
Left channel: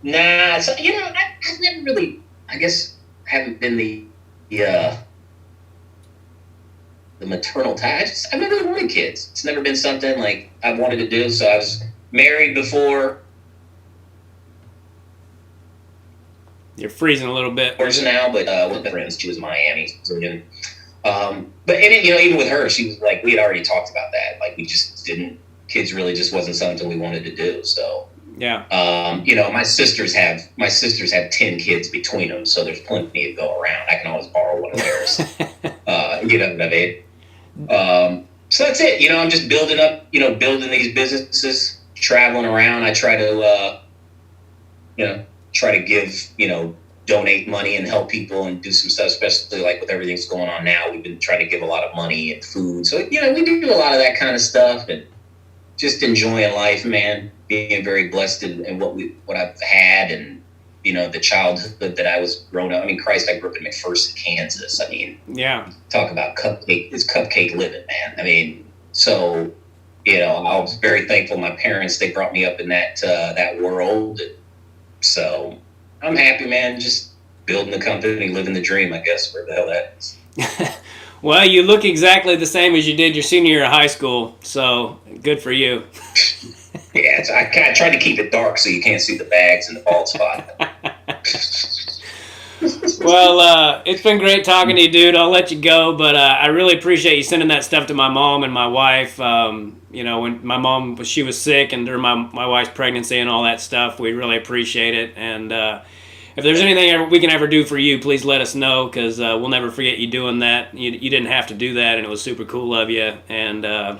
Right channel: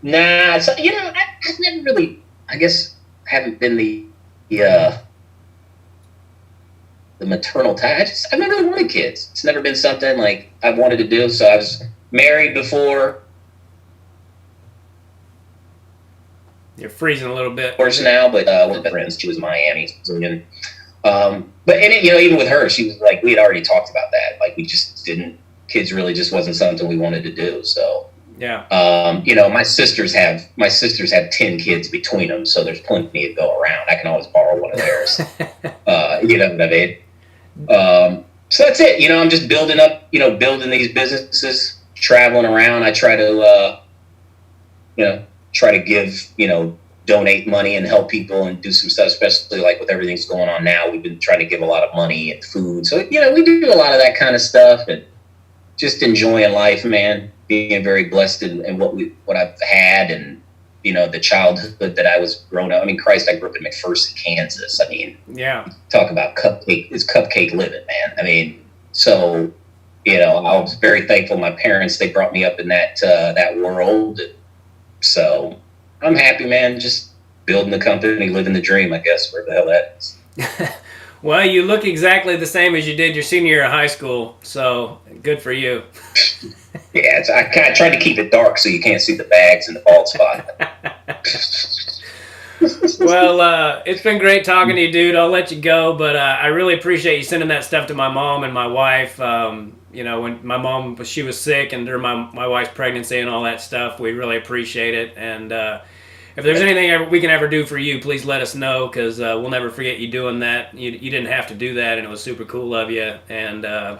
Nah, so, I've never really, I guess, haven't been the maternal type. I never really wanted kids. It's never been something like I've wanted to do. So I was married before. You're freezing a little bit. Of course now, but one of my friends, she was in Miami. But even with her, she was like, we had already talked about that. Like we just didn't. Kids really just wasn't something we wanted to do. So. Yeah. My sisters have 10 kids between them, so there's plenty to go around. I can always borrow one of theirs. You know what I mean? So that's it. I'm just building these businesses, traveling around. I try to, give, donate money and help people and do some stuff, especially like with everything that's going on now. We've been trying to give a lot of money and food. So, we do a lot of that kind of stuff and just enjoying life, man. Being very blessed in what I've had and, the childhood that I was growing up. I mean, Christ, I grew up in McPherson, Kansas. I mean, yeah. Talk about cupcake living, man. I mean, so, I was very thankful. My parents, they brought me up in that world. So I'm happy, man. Just building the company, living the dream, I guess, where the hell that is. Well, you look exactly the same as you did your senior year of high school, so good for you. Yeah, I kind of tried to keep it dark so you can't see the bags and the bald spot. Well, it's been great talking to you, dude. I'll let you go, but I really appreciate you sending that stuff to my mom and my wife. When my mom she was sick and during my wife's pregnancy and all that stuff, we really appreciate it. And if there's anything we can ever do for you, please let us know because we'll never forget you doing that. You didn't have to do that, and it was super cool of you. And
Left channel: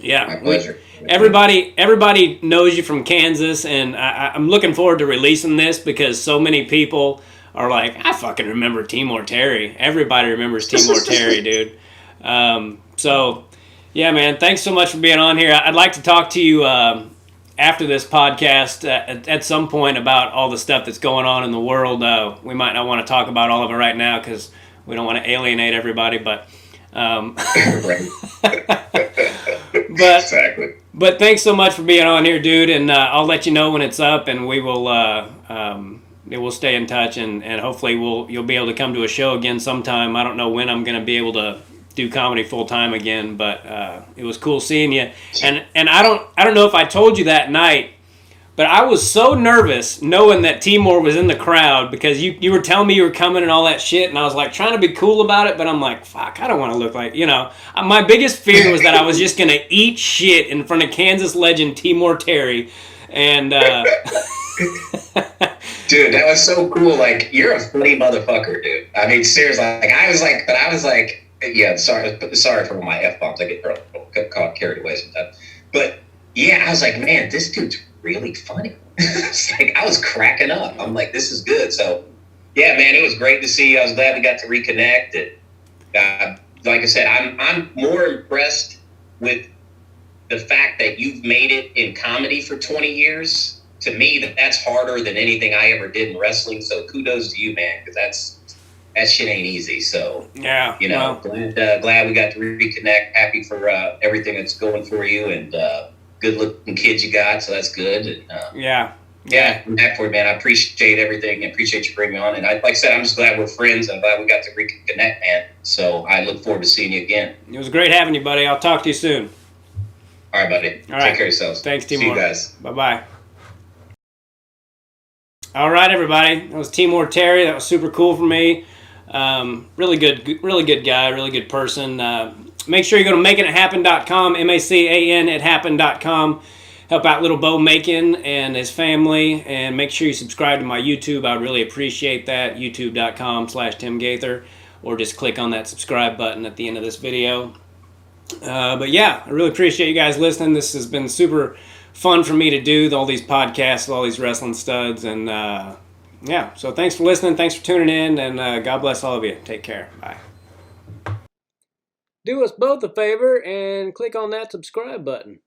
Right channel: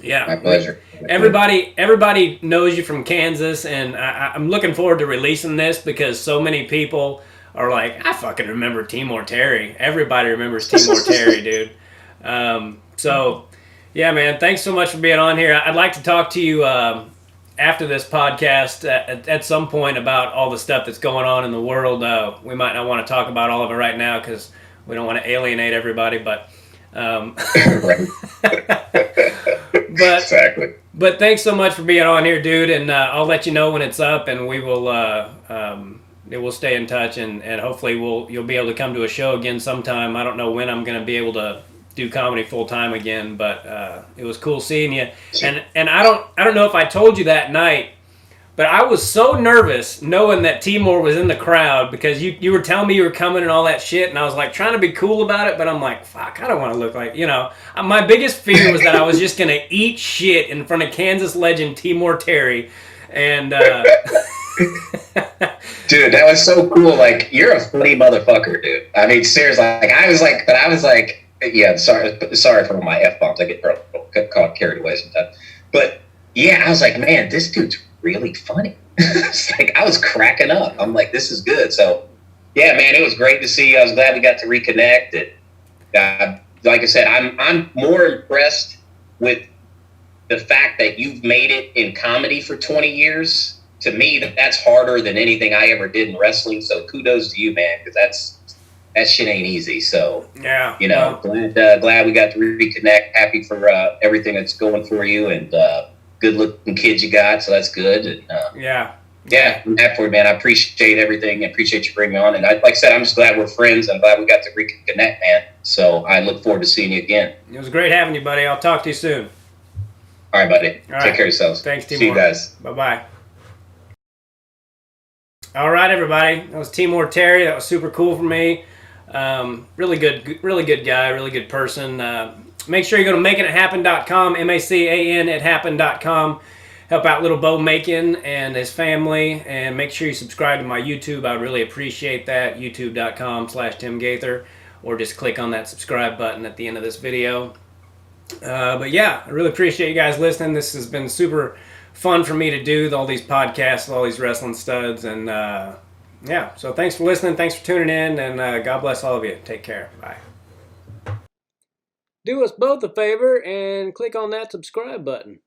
yeah, my pleasure. Everybody knows you from Kansas, and I'm looking forward to releasing this because so many people are like, I fucking remember Temoer Terry. Everybody remembers Temoer Terry, dude. So, yeah, man, thanks so much for being on here. I'd like to talk to you after this podcast at some point about all the stuff that's going on in the world. We might not want to talk about all of it right now because we don't want to alienate everybody, but... Right. But, exactly. But thanks so much for being on here, dude, and I'll let you know when it's up, and we will we'll stay in touch, and hopefully you'll be able to come to a show again sometime. I don't know when I'm going to be able to do comedy full time again, but it was cool seeing you. And I don't know if I told you that night, but I was so nervous knowing that Timor was in the crowd because you were telling me you were coming and all that shit, and I was like trying to be cool about it, but I'm like, fuck, I don't want to look like, my biggest fear was that I was just going to eat shit in front of Kansas legend Temoer Terry. And dude, that was so cool. Like, you're a funny motherfucker, dude. I mean, seriously, I was like, yeah, sorry for my F-bombs. I get caught carried away sometimes. But yeah, I was like, man, this dude's really funny. It's like, I was cracking up. I'm like, this is good. So yeah, man, it was great to see you. I was glad we got to reconnect. And like I said, I'm more impressed with the fact that you've made it in comedy for 20 years. To me, that's harder than anything I ever did in wrestling. So kudos to you, man, because that shit ain't easy. So yeah, glad we got to reconnect. Happy for everything that's going for you, and good looking kids you got. So that's good. And, yeah, I'm happy for you, man. I appreciate everything. I appreciate you bringing me on. And like I said, I'm just glad we're friends. I'm glad we got to reconnect, man. So I look forward to seeing you again. It was great having you, buddy. I'll talk to you soon. All right, buddy. All right. Take care of yourselves. Thanks, Timor. See you guys. Bye-bye. All right, everybody. That was Temoer Terry. That was super cool for me. Really good guy, really good person. Make sure you go to makingithappen.com, MACAN at happen.com. Help out little Bo Macon and his family, and make sure you subscribe to my YouTube. I really appreciate that. YouTube.com/Tim Gaither, or just click on that subscribe button at the end of this video. But yeah, I really appreciate you guys listening. This has been super fun for me to do, all these podcasts, all these wrestling studs, and Yeah. So thanks for listening. Thanks for tuning in, and God bless all of you. Take care. Bye. Do us both a favor and click on that subscribe button.